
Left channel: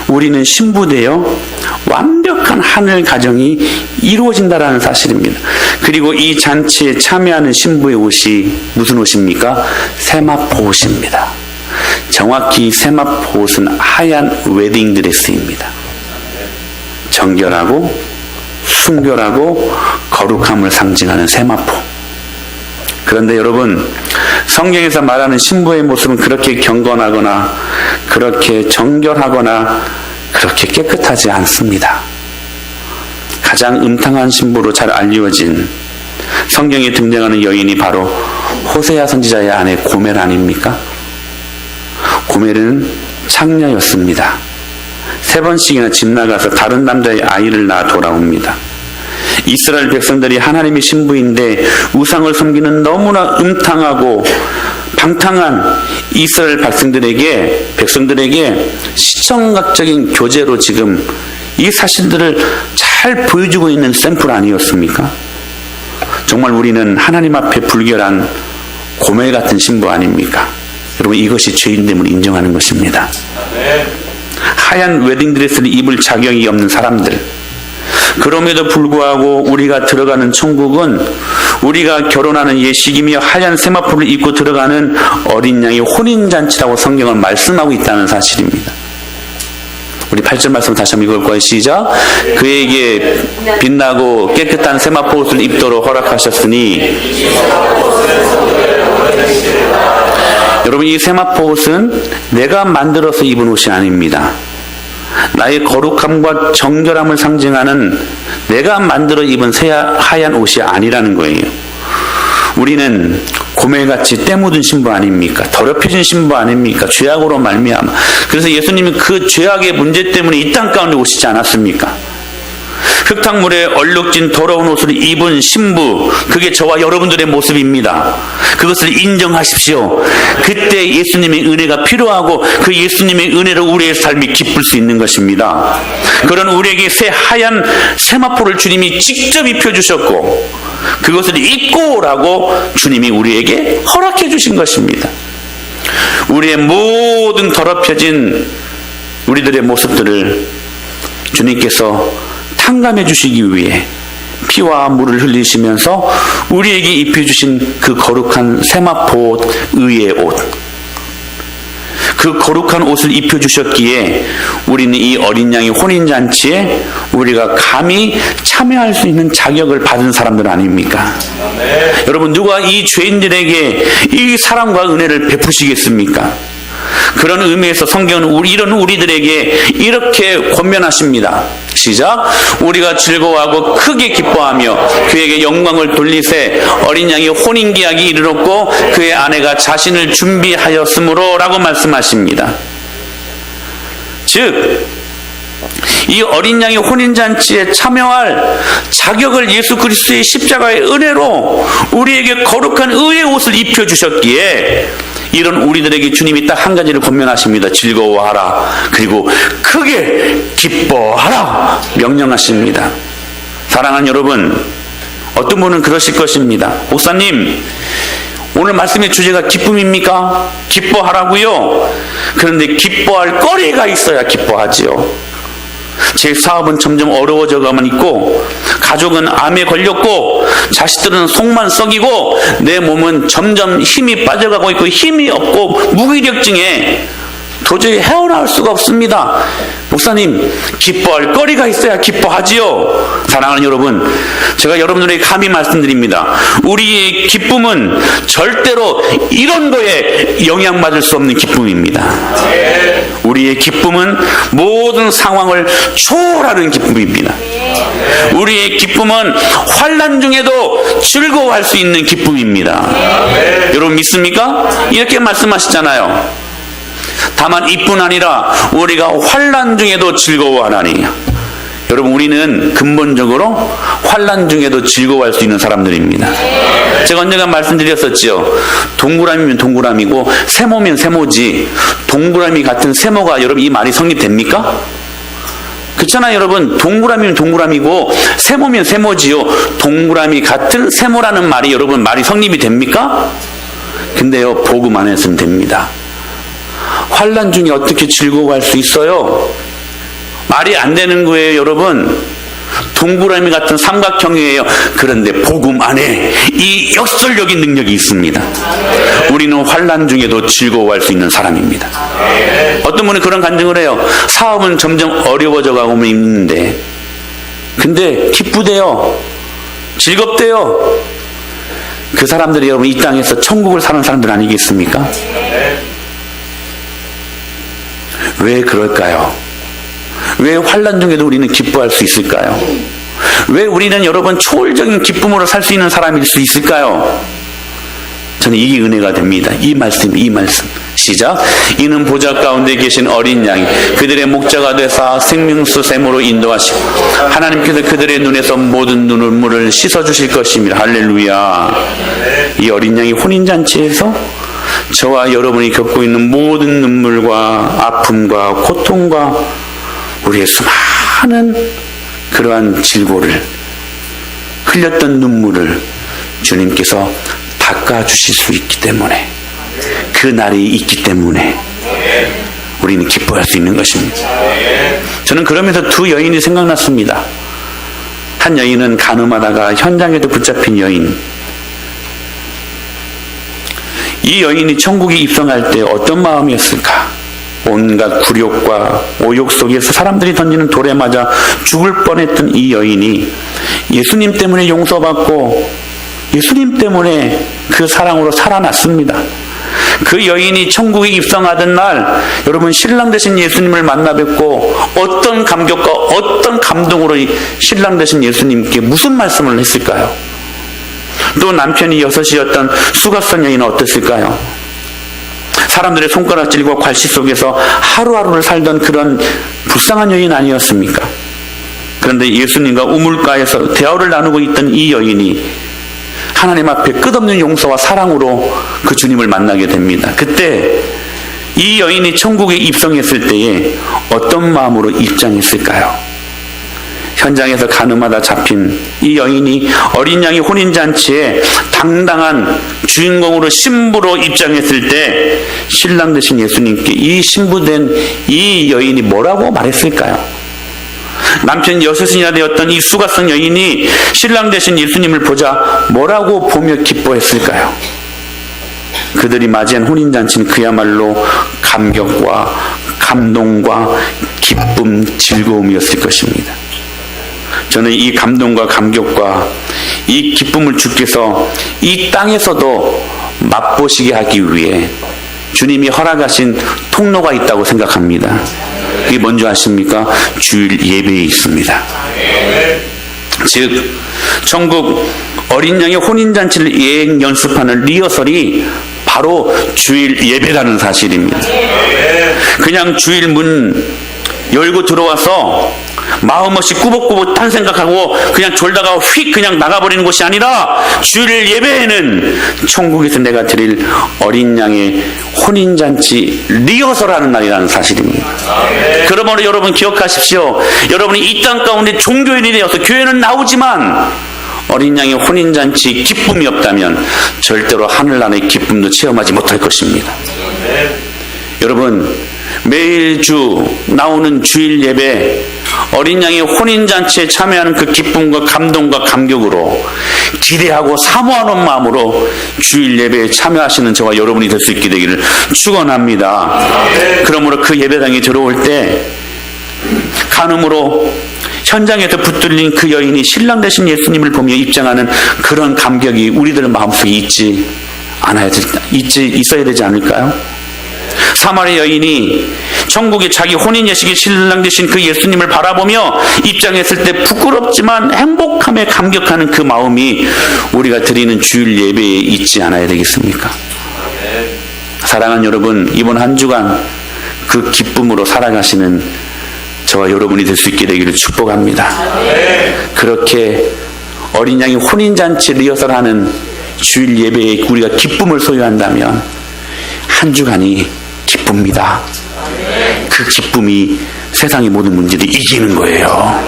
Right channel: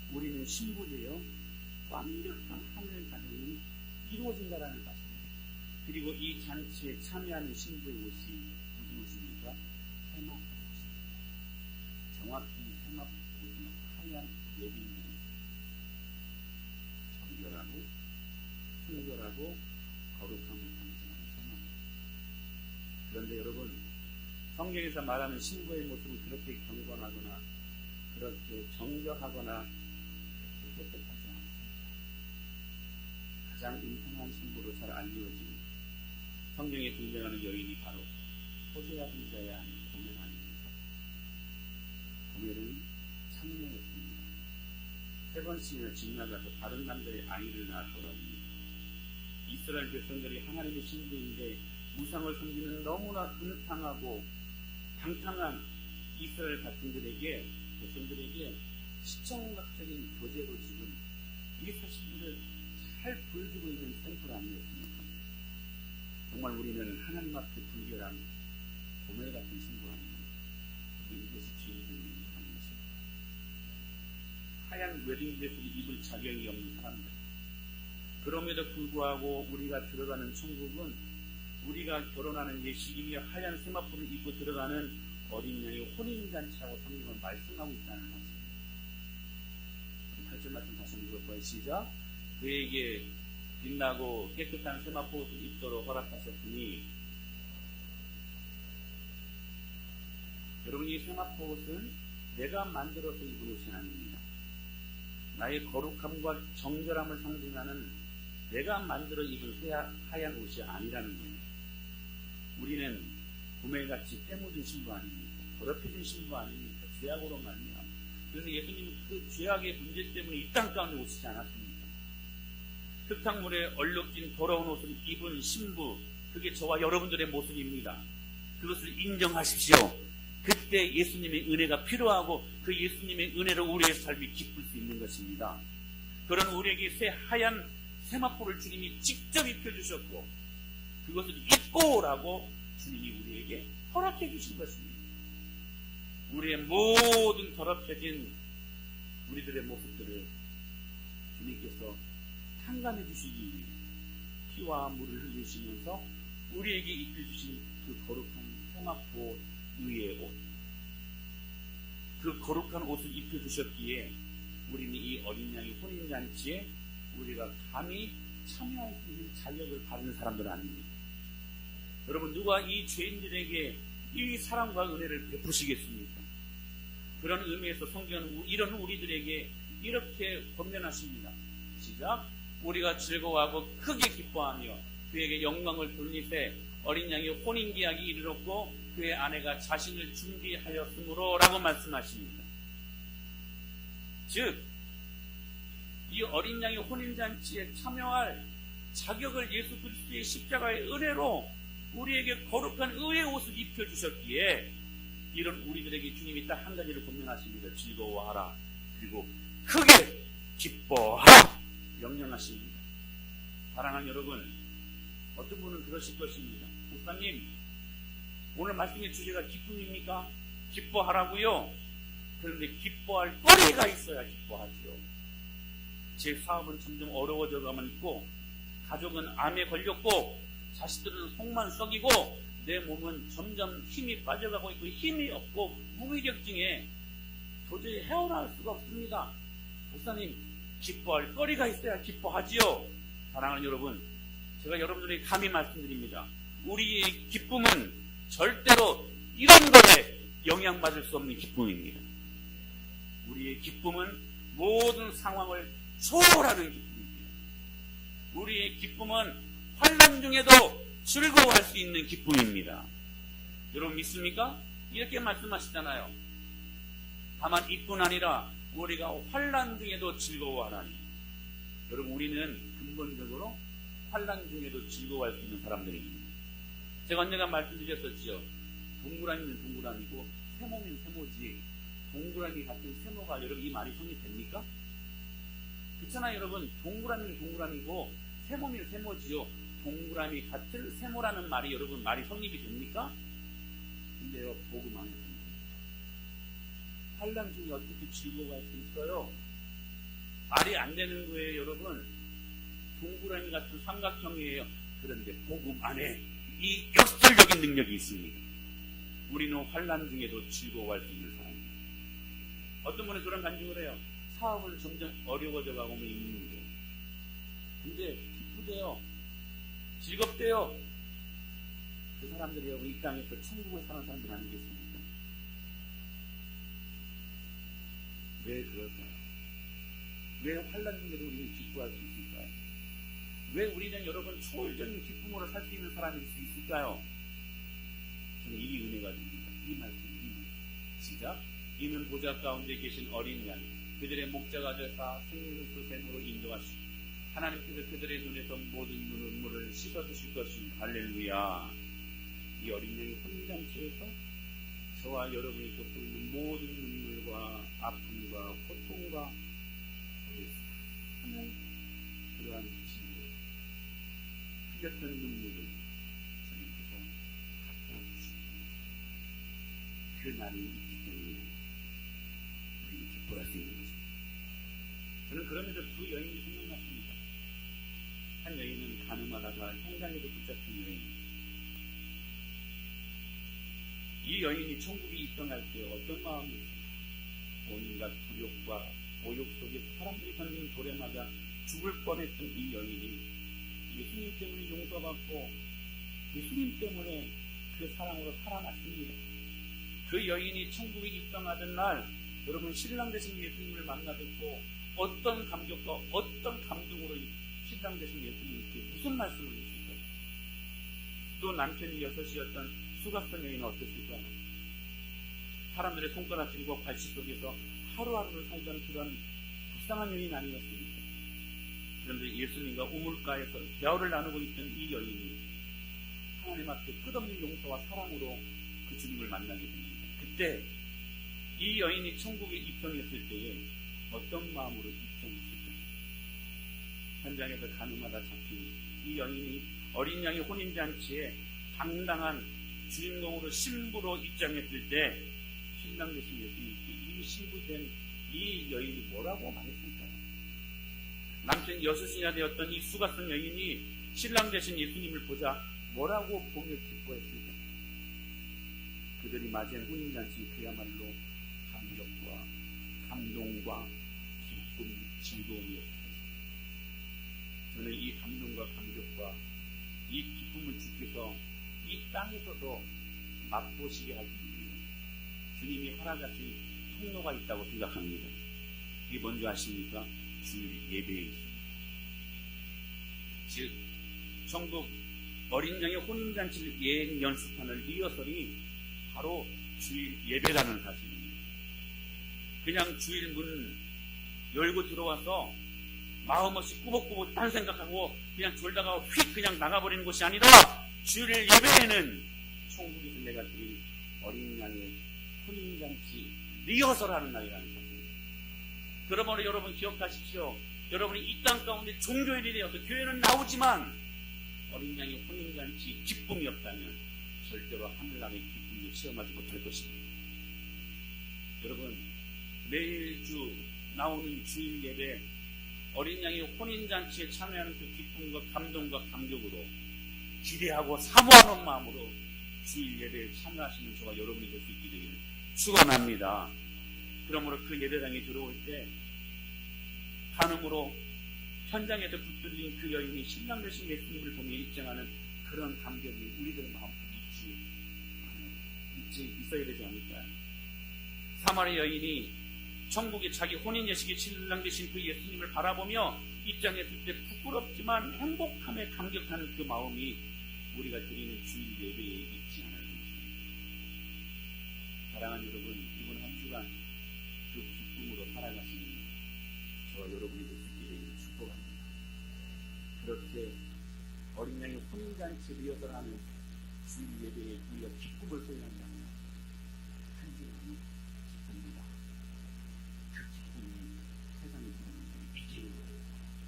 우리는 신부 되어 완벽한 하늘 가정이 이루어진다라는 사실입니다. 그리고 이 잔치에 참여하는 신부의 옷이 무슨 옷입니까? 세마포 옷입니다. 정확히 세마포 옷은 하얀 웨딩드레스입니다. 정결하고 순결하고 거룩함을 상징하는 세마포. 그런데 여러분 성경에서 말하는 신부의 모습은 그렇게 경건하거나 그렇게 정결하거나 그렇게 깨끗하지 않습니다. 가장 음탕한 신부로 잘 알려진 성경에 등장하는 여인이 바로 호세아 선지자의 아내 고멜 아닙니까? 고멜은 창녀였습니다. 3번씩이나 집 나가서 다른 남자의 아이를 낳아 돌아옵니다. 이스라엘 백성들이 하나님의 신부인데 우상을 섬기는 너무나 음탕하고 방탕한 이스라엘 백성들에게 시청각적인 교재로 지금 이 사실들을 잘 보여주고 있는 샘플 아니었습니까? 정말 우리는 하나님 앞에 불결한 고멜 같은 신부 아닙니까? 여러분 이것이 죄인됨을 인정하는 것입니다. 하얀 웨딩드레스를 입을 자격이 없는 사람들, 그럼에도 불구하고 우리가 들어가는 천국은 우리가 결혼하는 예식이며 하얀 세마포를 입고 들어가는 어린 양의 혼인잔치라고 성경은 말씀하고 있다는 사실입니다. 우리 8절 말씀 다시 한번 읽을 거예요. 시작. 그에게 빛나고 깨끗한 세마포 옷을 입도록 허락하셨으니 여러분 이 세마포 옷은 내가 만들어서 입은 옷이 아닙니다. 나의 거룩함과 정결함을 상징하는 내가 만들어 입은 하얀 옷이 아니라는 거예요. 우리는 고멜같이 때 묻은 신부 아닙니까? 더럽혀진 신부 아닙니까? 죄악으로 말미암아. 그래서 예수님은 그 죄악의 문제 때문에 이 땅 가운데 오시지 않았습니까? 흙탕물에 얼룩진 더러운 옷을 입은 신부, 그게 저와 여러분들의 모습입니다. 그것을 인정하십시오. 그때 예수님의 은혜가 필요하고 그 예수님의 은혜로 우리의 삶이 기쁠 수 있는 것입니다. 그런 우리에게 새 하얀 세마포를 주님이 직접 입혀주셨고 그것을 입고 오라고 주님이 우리에게 허락해 주신 것입니다. 우리의 모든 더럽혀진 우리들의 모습들을 주님께서 탕감해 주시기 위해 피와 물을 흘리시면서 우리에게 입혀주신 그 거룩한 세마포 옷, 의의 옷, 그 거룩한 옷을 입혀주셨기에 우리는 이 어린 양의 혼인잔치에 우리가 감히 참여할 수 있는 자격을 받은 사람들 아닙니까? 네. 여러분 누가 이 죄인들에게 이 사랑과 은혜를 베푸시겠습니까? 그런 의미에서 성경은 이런 우리들에게 이렇게 권면하십니다. 시작. 우리가 즐거워하고 크게 기뻐하며 그에게 영광을 돌리세 어린 양이 혼인계약이 이르렀고 그의 아내가 자신을 준비하였으므로 라고 말씀하십니다. 즉 이 어린 양의 혼인잔치에 참여할 자격을 예수 그리스도의 십자가의 은혜로 우리에게 거룩한 의의 옷을 입혀주셨기에 이런 우리들에게 주님이 딱 한 가지를 권면하십니다. 즐거워하라. 그리고 크게 기뻐하라. 명령하십니다. 사랑하는 여러분, 어떤 분은 그러실 것입니다. 목사님, 오늘 말씀의 주제가 기쁨입니까? 기뻐하라고요? 그런데 기뻐할 거리가 있어야 기뻐하지요. 제 사업은 점점 어려워져 가만 있고, 가족은 암에 걸렸고, 자식들은 속만 썩이고, 내 몸은 점점 힘이 빠져가고 있고, 힘이 없고 무기력증에 도저히 헤어나올 수가 없습니다. 목사님, 기뻐할 거리가 있어야 기뻐하지요. 사랑하는 여러분, 제가 여러분들에게 감히 말씀드립니다. 우리의 기쁨은 절대로 이런 거에 영향받을 수 없는 기쁨입니다. 우리의 기쁨은 모든 상황을 초월하는 기쁨입니다. 우리의 기쁨은 환난 중에도 즐거워할 수 있는 기쁨입니다. 여러분 믿습니까? 이렇게 말씀하시잖아요. 다만 이뿐 아니라 우리가 환난 중에도 즐거워하나니. 여러분, 우리는 근본적으로 환난 중에도 즐거워할 수 있는 사람들입니다. 제가 언젠가 말씀드렸었죠. 동그라미면 동그라미고 세모면 세모지. 동그라미 같은 세모가, 여러분, 이 말이 성립됩니까? 그렇잖아요, 여러분. 동그라미면 동그라미고 세모면 세모지요. 동그라미 같은 세모라는 말이, 여러분, 말이 성립이 됩니까? 근데요, 복음 안에서는 됩니다. 환난 중에 어떻게 즐거워할 수 있어요? 말이 안 되는 거예요, 여러분. 동그라미 같은 삼각형이에요. 그런데 복음 안에 이 역설적인 능력이 있습니다. 우리는 환난 중에도 즐거워할 수 있는 사람입니다. 어떤 분은 그런 간증을 해요. 사업은 점점 어려워져 가고 있는데, 근데 기쁘대요. 즐겁대요. 그 사람들이 여러분 이 땅에서 천국을 사는 사람들 아니겠습니까? 왜 그럴까요? 왜 환난 중에도 우리는 기뻐할 수 있을까요? 왜 우리는 여러분 초월적인 기쁨으로 살 수 있는 사람일 수 있을까요? 저는 이게 은혜가 됩니다. 이 말씀. 시작. 이는 보좌 가운데 계신 어린 양이 그들의 목자가 되사 생명수 샘으로 인도하시고 하나님께서 그들의 눈에서 모든 눈물을 씻어주실 것입니다. 할렐루야. 이 어린 양이 혼인잔치에서 저와 여러분이 겪고 있는 모든 눈물과 아픔과 고통과 우리의 수많은 그러한 질고를, 흘렸던 눈물을 주님께서 닦아주실 수 있기 때문에, 그 날이 있기 때문에 우리는 기뻐할 수 있는 것입니다. 저는 그러면서 두 여인이 생각났습니다. 한 여인은 간음하다가 현장에도 붙잡힌 여인. 이 여인이 천국에 입성할 때 어떤 마음이었을까? 온갖 굴욕과 오욕 속에서 사람들이 던지는 돌에 맞아 죽을 뻔했던 이 여인이 예수님 때문에 용서받고 예수님 때문에 그 사랑으로 살아났습니다. 그 여인이 천국에 입성하던 날, 여러분, 신랑 되신 예수님을 만나 뵙고 어떤 감격과 어떤 감동으로 신랑 되신 예수님께 무슨 말씀을 했을까요? 또 남편이 여섯이었던 수가성 여인은 어땠을까요? 사람들의 손가락질과 괄시 속에서 하루하루를 살던 그런 불쌍한 여인 아니었습니까? 그런데 예수님과 우물가에서 대화를 나누고 있던 이 여인이 하나님 앞에 끝없는 용서와 사랑으로 그 주님을 만나게 됩니다. 그때 이 여인이 천국에 입성했을 때에 어떤 마음으로 입장했을까요? 현장에서 간음하다 잡힌 이 여인이 어린 양의 혼인잔치에 당당한 주인공으로 신부로 입장했을 때 신랑 되신 예수님께 이 신부된 이 여인이 뭐라고 말했을까요? 남편 여섯이나 되었던 이 수가성 여인이 신랑 되신 예수님을 보자 뭐라고 보며 기뻐했을까요? 그들이 맞이한 혼인잔치는 그야말로 감격과 감동과 기쁨, 즐거움이었을 것입니다. 저는 이 감동과 감격과 이 기쁨을 주께서 이 땅에서도 맛보시게 하기 위해 주님이 허락하신 통로가 있다고 생각합니다. 이게 뭔지 아십니까? 주일 예배에 있습니다. 즉, 천국 어린 양의 혼인잔치를 예행 연습하는 리허설이 바로 주일 예배라는 사실입니다. 그냥 주일 문 열고 들어와서 마음없이 꾸벅꾸벅 딴 생각하고 그냥 졸다가 휙 그냥 나가버리는 것이 아니라 주일 예배에는 천국에서 내가 드릴 어린 양의 혼인잔치 리허설하는 날이라는 사실입니다. 그러므로 여러분 기억하십시오. 여러분이 이 땅 가운데 종교인이 되어서 교회는 나오지만 어린 양의 혼인잔치 기쁨이 없다면 절대로 하늘나라의 기쁨도 체험하지 못할 것입니다. 여러분 매주 나오는 주일 예배 어린 양의 혼인잔치에 참여하는 그 기쁨과 감동과 감격으로 기대하고 사모하는 마음으로 주일 예배에 참여하시는 저와 여러분이 될 수 있게 되기를 축원합니다. 그러므로 그 예배당에 들어올 때 간음으로 현장에서 붙들린 그 여인이 신랑 되신 예수님을 보며 입장하는 그런 감격이 우리들 마음속에 있어야 되지 않을까요? 사마리아 여인이 천국의 자기 혼인 예식의 신랑 되신 그 예수님을 바라보며 입장했을 때 부끄럽지만 행복함에 감격하는 그 마음이 우리가 드리는 주일 예배에 있지 않아야 되겠습니까? 사랑하는 여러분, 이번 한 주간 그 기쁨으로 살아가시는 저와 여러분이 될 수 있게 되기를 축복합니다. 그렇게 어린 양이 혼인잔치 리허설하는 주일 예배에 우리가 기쁨을 소유한다면 한 주간이 기쁩니다. 그 기쁨이 세상의 모든 문제들이 이기는 거예요.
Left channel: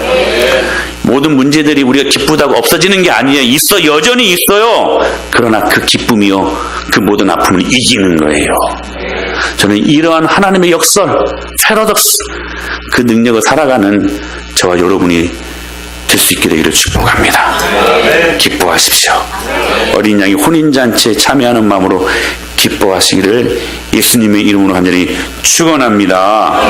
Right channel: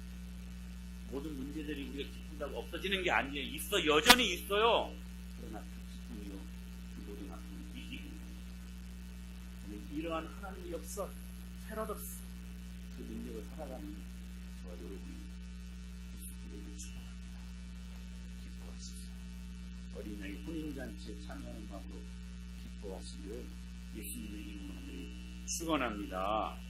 모든 문제들이 우리가 기쁘다고 없어지는 게 아니에요. 여전히 있어요. 그러나 그 기쁨이요, 그 모든 아픔을 이기는 거예요. 저는 이러한 하나님의 역설, 패러독스, 그 능력을 살아가는 저와 여러분이 될 수 있게 되기를 축복합니다. 기뻐하십시오. 어린 양이 혼인잔치에 참여하는 마음으로 기뻐하시기를 예수님의 이름으로 간절히 축원합니다.